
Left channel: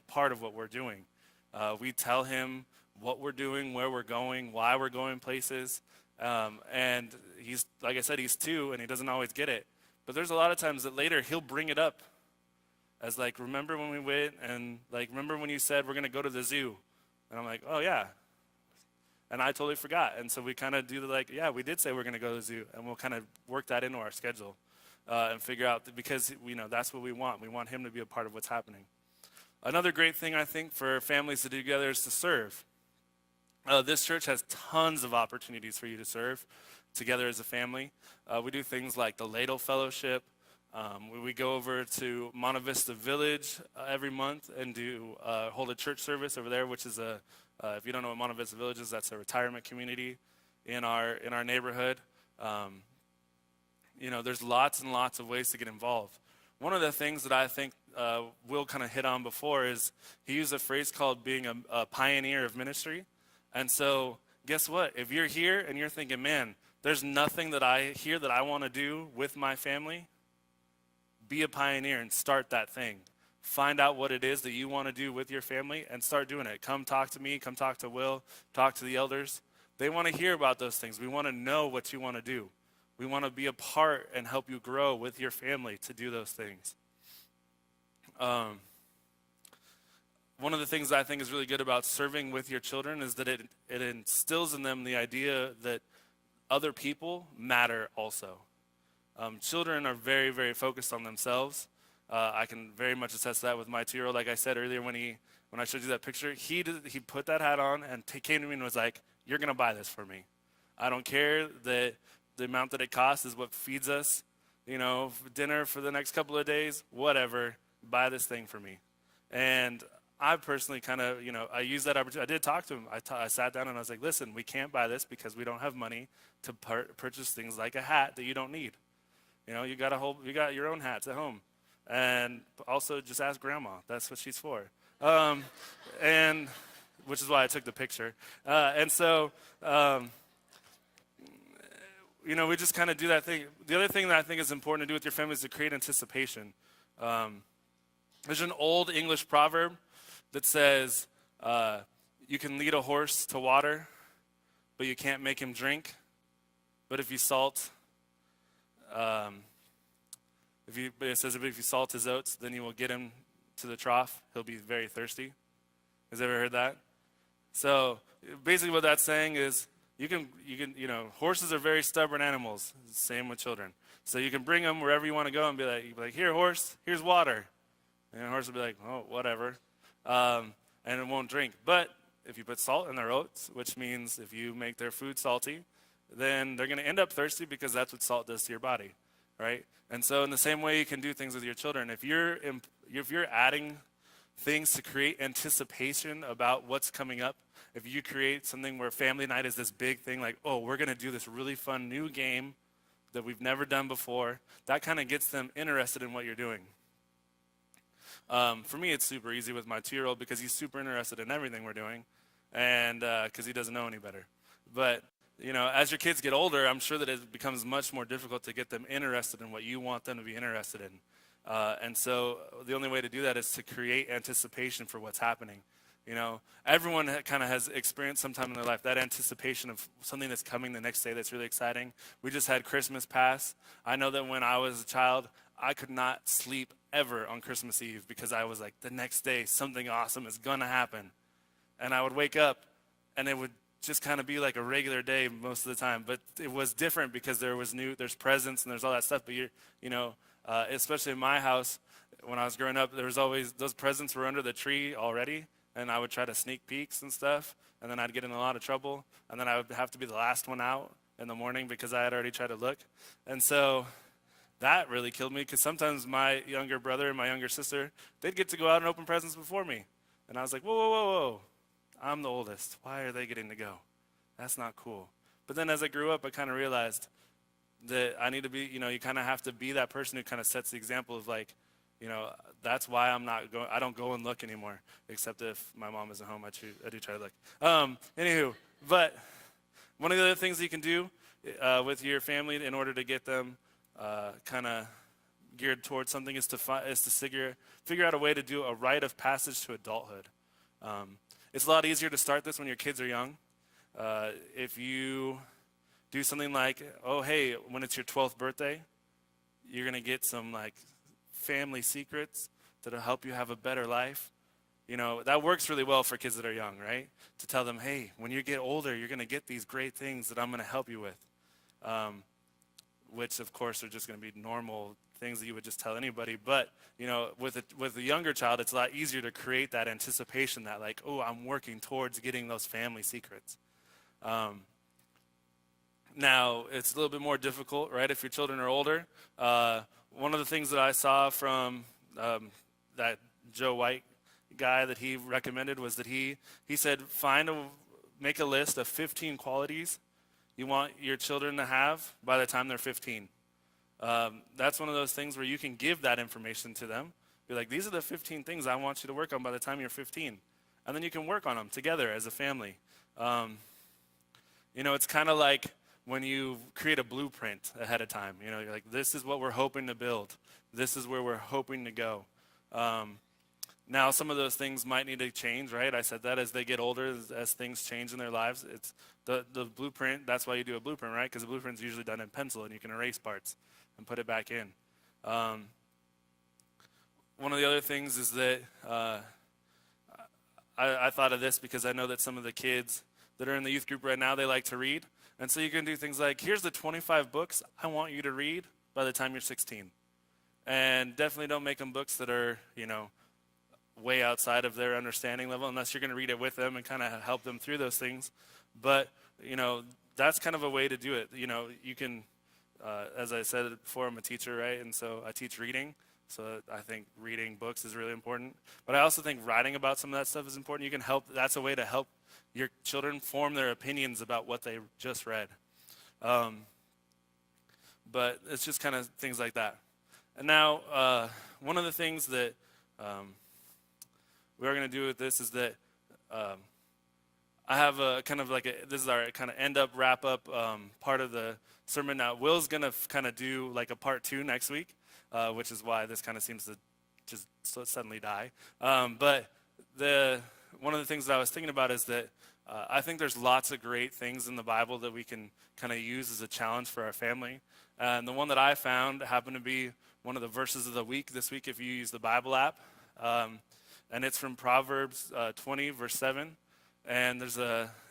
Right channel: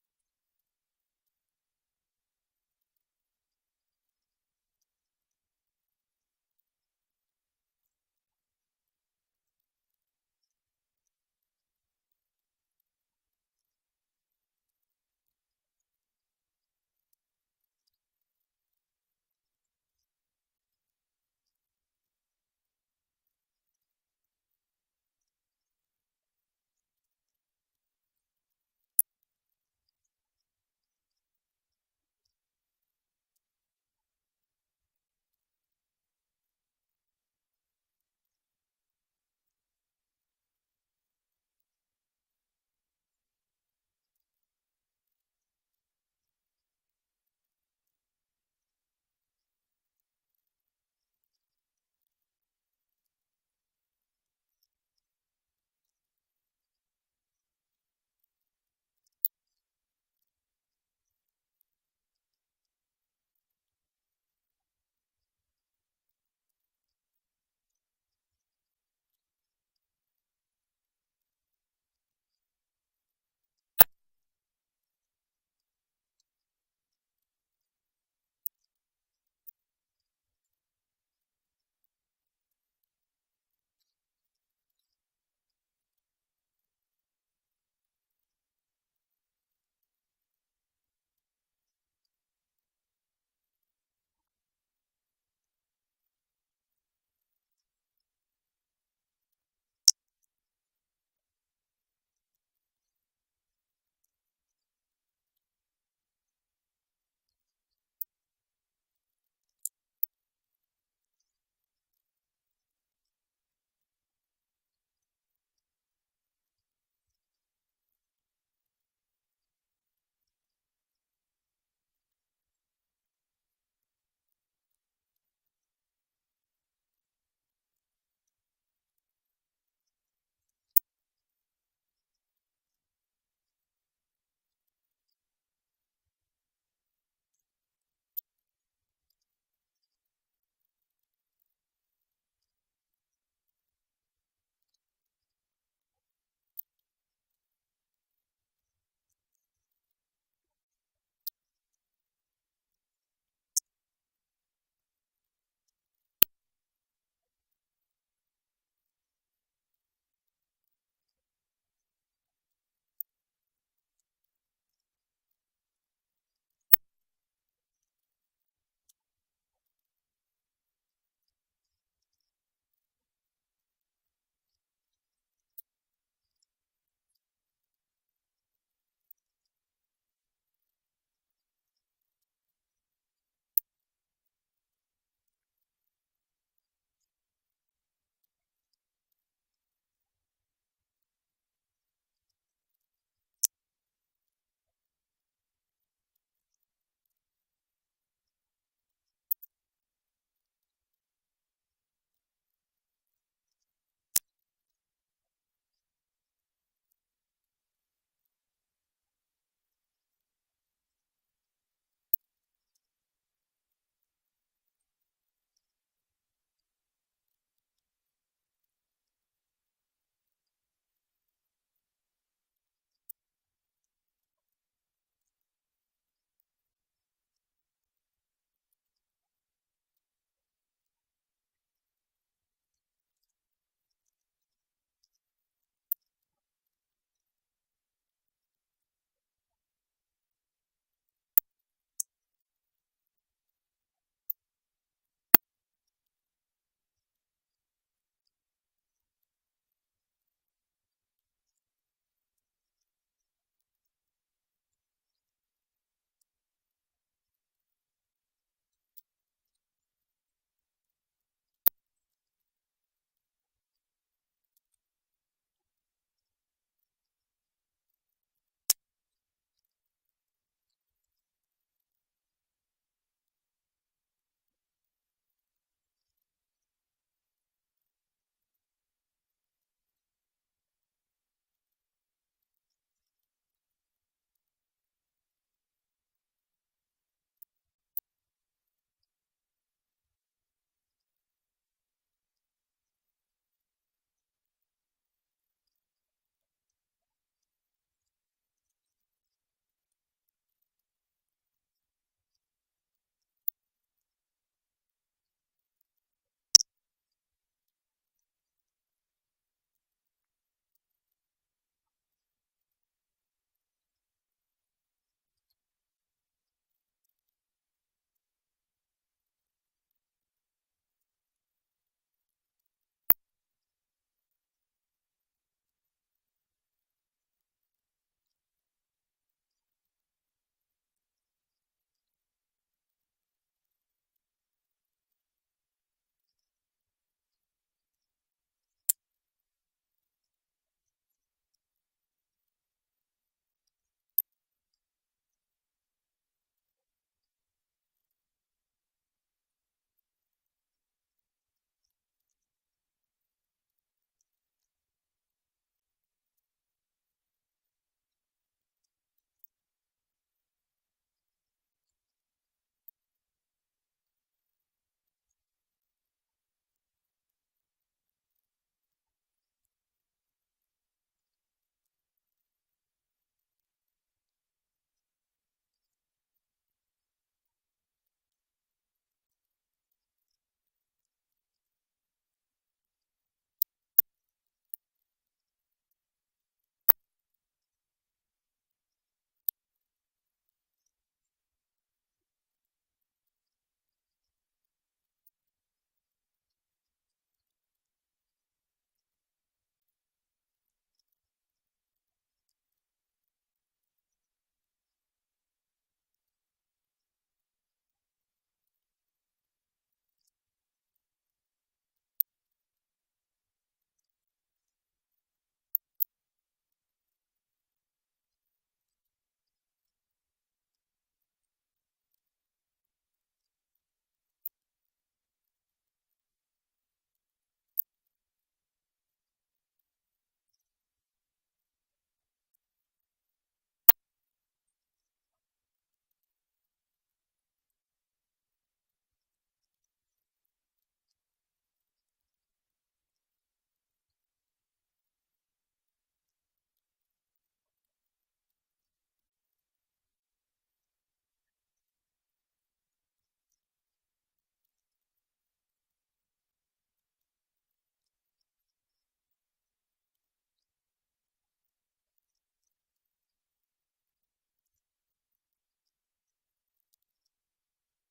part of what we're doing. We tell him what we're doing, where we're going, why we're going places, and he's, like I said, he's 2 and he doesn't always get it. But there's a lot of times that later he'll bring it up as remember when we went, and remember when you said we're gonna go to the zoo, and I'm like, oh yeah, and I totally forgot. And so we kind of do yeah, we did say we're gonna go to the zoo, and we'll kind of work that into our schedule and figure out because that's what we want. We want him to be a part of what's happening. Another great thing I think for families to do together is to serve. This church has tons of opportunities for you to serve together as a family. We do things like the Ladle Fellowship. We go over to Monte Vista Village every month and hold a church service over there, which is if you don't know what Monte Vista Village is, that's a retirement community in our neighborhood. There's lots and lots of ways to get involved. One of the things that I think Will kind of hit on before is he used a phrase called being a pioneer of ministry. And so guess what? If you're here and you're thinking, man, there's nothing that I hear that I want to do with my family, be a pioneer and start that thing. Find out what it is that you want to do with your family and start doing it. Come talk to me, come talk to Will, talk to the elders. They want to hear about those things. We want to know what you want to do. We want to be a part and help you grow with your family to do those things. One of the things that I think is really good about serving with your children is that it instills in them the idea that other people matter also. Children are very, very focused on themselves. I can very much attest to that with my 2-year-old. Like I said earlier, when I showed you that picture, he put that hat on and came to me and was like, "You're gonna buy this for me. I don't care that the amount that it costs is what feeds us, dinner for the next couple of days, whatever. Buy this thing for me." And I personally kind of, I used that opportunity. I did talk to him. I sat down and I was like, "Listen, we can't buy this because we don't have money to purchase things like a hat that you don't need. You got your own hats at home, and also just ask Grandma. That's what she's for." And which is why I took the picture. We just kind of do that thing. The other thing that I think is important to do with your family is to create anticipation. There's an old English proverb that says, you can lead a horse to water, but you can't make him drink. But if you salt, it says if you salt his oats, then you will get him to the trough. He'll be very thirsty. Has ever heard that? So basically what that's saying is horses are very stubborn animals. Same with children. So you can bring them wherever you want to go and be like, "Here, horse, here's water." And the horse will be like, "Oh, whatever." And it won't drink. But if you put salt in their oats, which means if you make their food salty, then they're going to end up thirsty because that's what salt does to your body, right? And so in the same way you can do things with your children. If you're adding things to create anticipation about what's coming up, if you create something where family night is this big thing, like, oh, we're going to do this really fun new game that we've never done before, that kind of gets them interested in what you're doing. For me, it's super easy with my 2-year-old because he's super interested in everything we're doing, and because he doesn't know any better. But as your kids get older, I'm sure that it becomes much more difficult to get them interested in what you want them to be interested in. And so the only way to do that is to create anticipation for what's happening. Everyone kind of has experienced sometime in their life that anticipation of something that's coming the next day that's really exciting. We just had Christmas pass. I know that when I was a child, I could not sleep ever on Christmas Eve because I was like, the next day, something awesome is going to happen. And I would wake up, and it would just kind of be like a regular day most of the time. But it was different because there's presents and there's all that stuff. But especially in my house, when I was growing up, there was always, those presents were under the tree already. And I would try to sneak peeks and stuff. And then I'd get in a lot of trouble. And then I would have to be the last one out in the morning because I had already tried to look. And so that really killed me because sometimes my younger brother and my younger sister, they'd get to go out and open presents before me. And I was like, whoa, whoa, whoa, whoa. I'm the oldest. Why are they getting to go? That's not cool. But then as I grew up, I kind of realized that I need to be, you kind of have to be that person who kind of sets the example of like, that's why I don't go and look anymore, except if my mom isn't home, I do try to look. Anywho, but one of the other things that you can do with your family in order to get them kind of geared towards something is to figure out a way to do a rite of passage to adulthood. It's a lot easier to start this when your kids are young. If you do something like, oh, hey, when it's your 12th birthday, you're going to get some like family secrets that'll help you have a better life. That works really well for kids that are young, right? To tell them, hey, when you get older, you're going to get these great things that I'm going to help you with. Which, of course, are just going to be normal things that you would just tell anybody. But, with a younger child, it's a lot easier to create that anticipation that, like, oh, I'm working towards getting those family secrets. Now, it's a little bit more difficult, right, if your children are older. One of the things that I saw from that Joe White guy that he recommended was that he said, make a list of 15 qualities you want your children to have by the time they're 15. That's one of those things where you can give that information to them. Be like, these are the 15 things I want you to work on by the time you're 15. And then you can work on them together as a family. It's kind of like when you create a blueprint ahead of time. You're like, this is what we're hoping to build. This is where we're hoping to go. Now, some of those things might need to change, right? I said that as they get older, as things change in their lives. It's the blueprint. That's why you do a blueprint, right? Because the blueprint's usually done in pencil, and you can erase parts and put it back in. One of the other things is that I thought of this because I know that some of the kids that are in the youth group right now, they like to read. And so you can do things like, here's the 25 books I want you to read by the time you're 16. And definitely don't make them books that are, way outside of their understanding level, unless you're going to read it with them and kind of help them through those things. But, that's kind of a way to do it. You can, as I said before, I'm a teacher, right? And so I teach reading. So I think reading books is really important. But I also think writing about some of that stuff is important. You can help, that's a way to help your children form their opinions about what they just read. But it's just kind of things like that. And now, one of the things that we are going to do with this is that I have a kind of like this is our kind of end up, wrap up part of the sermon. Now, Will's going to kind of do like a part 2 next week, which is why this kind of seems to just suddenly die. But one of the things that I was thinking about is that I think there's lots of great things in the Bible that we can kind of use as a challenge for our family. And the one that I found happened to be one of the verses of the week this week if you use the Bible app. And it's from Proverbs 20, verse 7. And it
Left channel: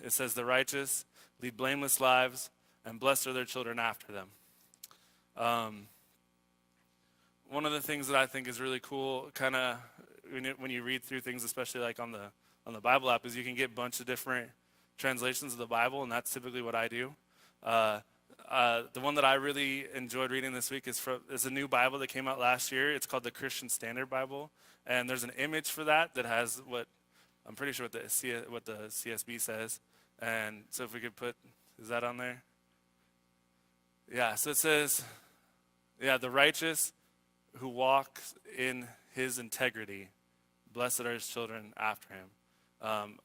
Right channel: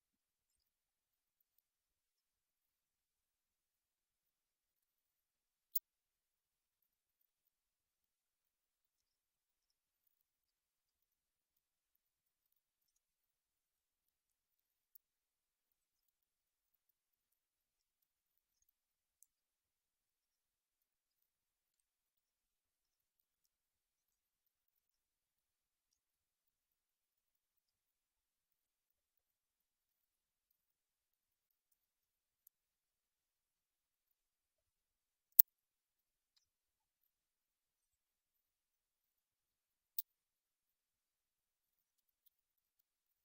says, the righteous lead blameless lives, and blessed are their children after them. One of the things that I think is really cool, kind of when you read through things, especially like on the Bible app, is you can get a bunch of different translations of the Bible, and that's typically what I do. The one that I really enjoyed reading this week is a new Bible that came out last year. It's called the Christian Standard Bible, and there's an image for that has what I'm pretty sure what the CSB says. And so if we could put, is that on there? Yeah, so it says, yeah, the righteous who walks in his integrity, blessed are his children after him.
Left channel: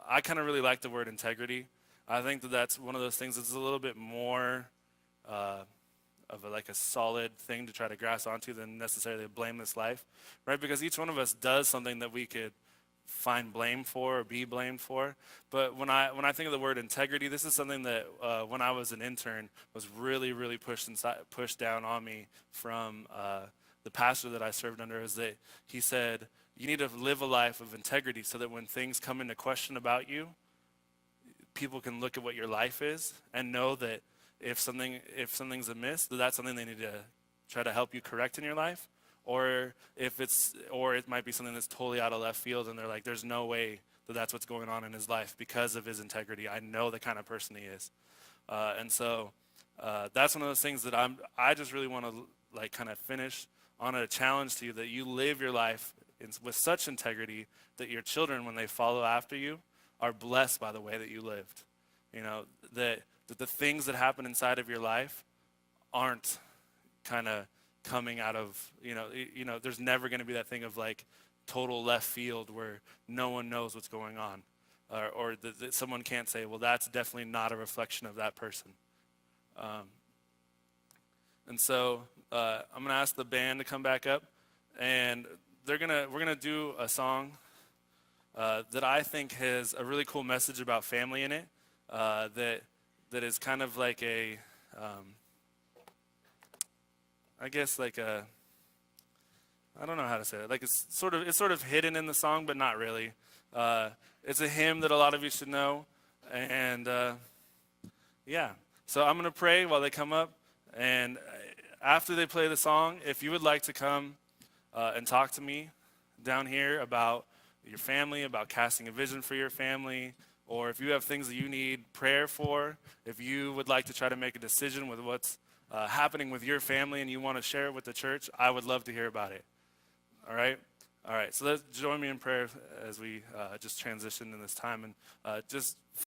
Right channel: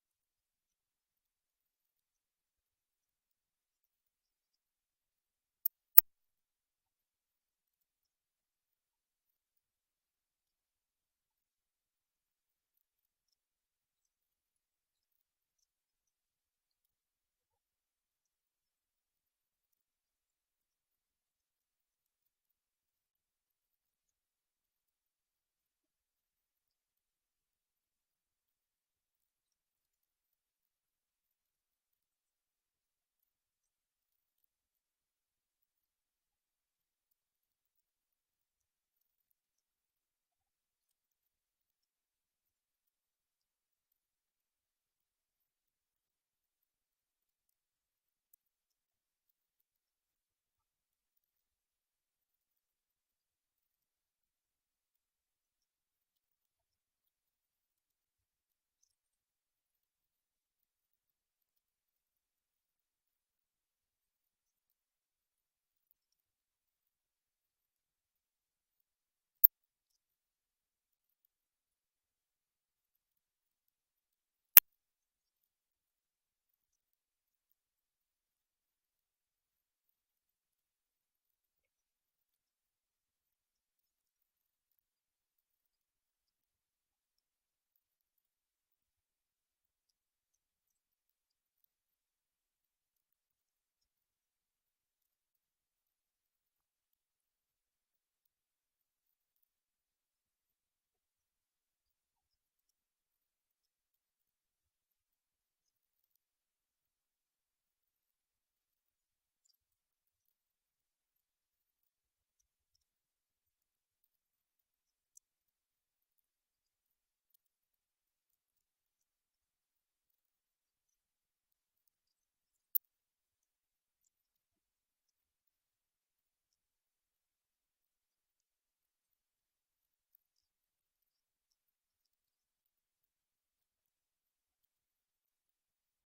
I kind of really like the word integrity. I think that that's one of those things that's a little bit more of like a solid thing to try to grasp onto than necessarily a blameless life, right? Because each one of us does something that we could find blame for or be blamed for. But when I think of the word integrity, this is something that when I was an intern was really pushed down on me from the pastor that I served under. Is that he said you need to live a life of integrity so that when things come into question about you, people can look at what your life is and know that if something's amiss, that's something they need to try to help you correct in your life, or it might be something that's totally out of left field, and they're like, there's no way that that's what's going on in his life because of his integrity. I know the kind of person he is, and so that's one of those things that I just really want to like kind of finish on a challenge to you, that you live your life with such integrity that your children, when they follow after you, are blessed by the way that you lived. You know, that the things that happen inside of your life aren't kind of coming out of, there's never going to be that thing of like total left field where no one knows what's going on. Or that someone can't say, well, that's definitely not a reflection of that person. And so I'm going to ask the band to come back up, and we're gonna do a song that I think has a really cool message about family in it. That is kind of like a, I guess like a, I don't know how to say it. Like it's sort of hidden in the song, but not really. It's a hymn that a lot of you should know, and yeah. So I'm gonna pray while they come up, and after they play the song, if you would like to come and talk to me down here about your family, about casting a vision for your family, or if you have things that you need prayer for, if you would like to try to make a decision with what's happening with your family and you want to share it with the church, I would love to hear about it. All right? All right, so let's join me in prayer as we just transition in this time, and just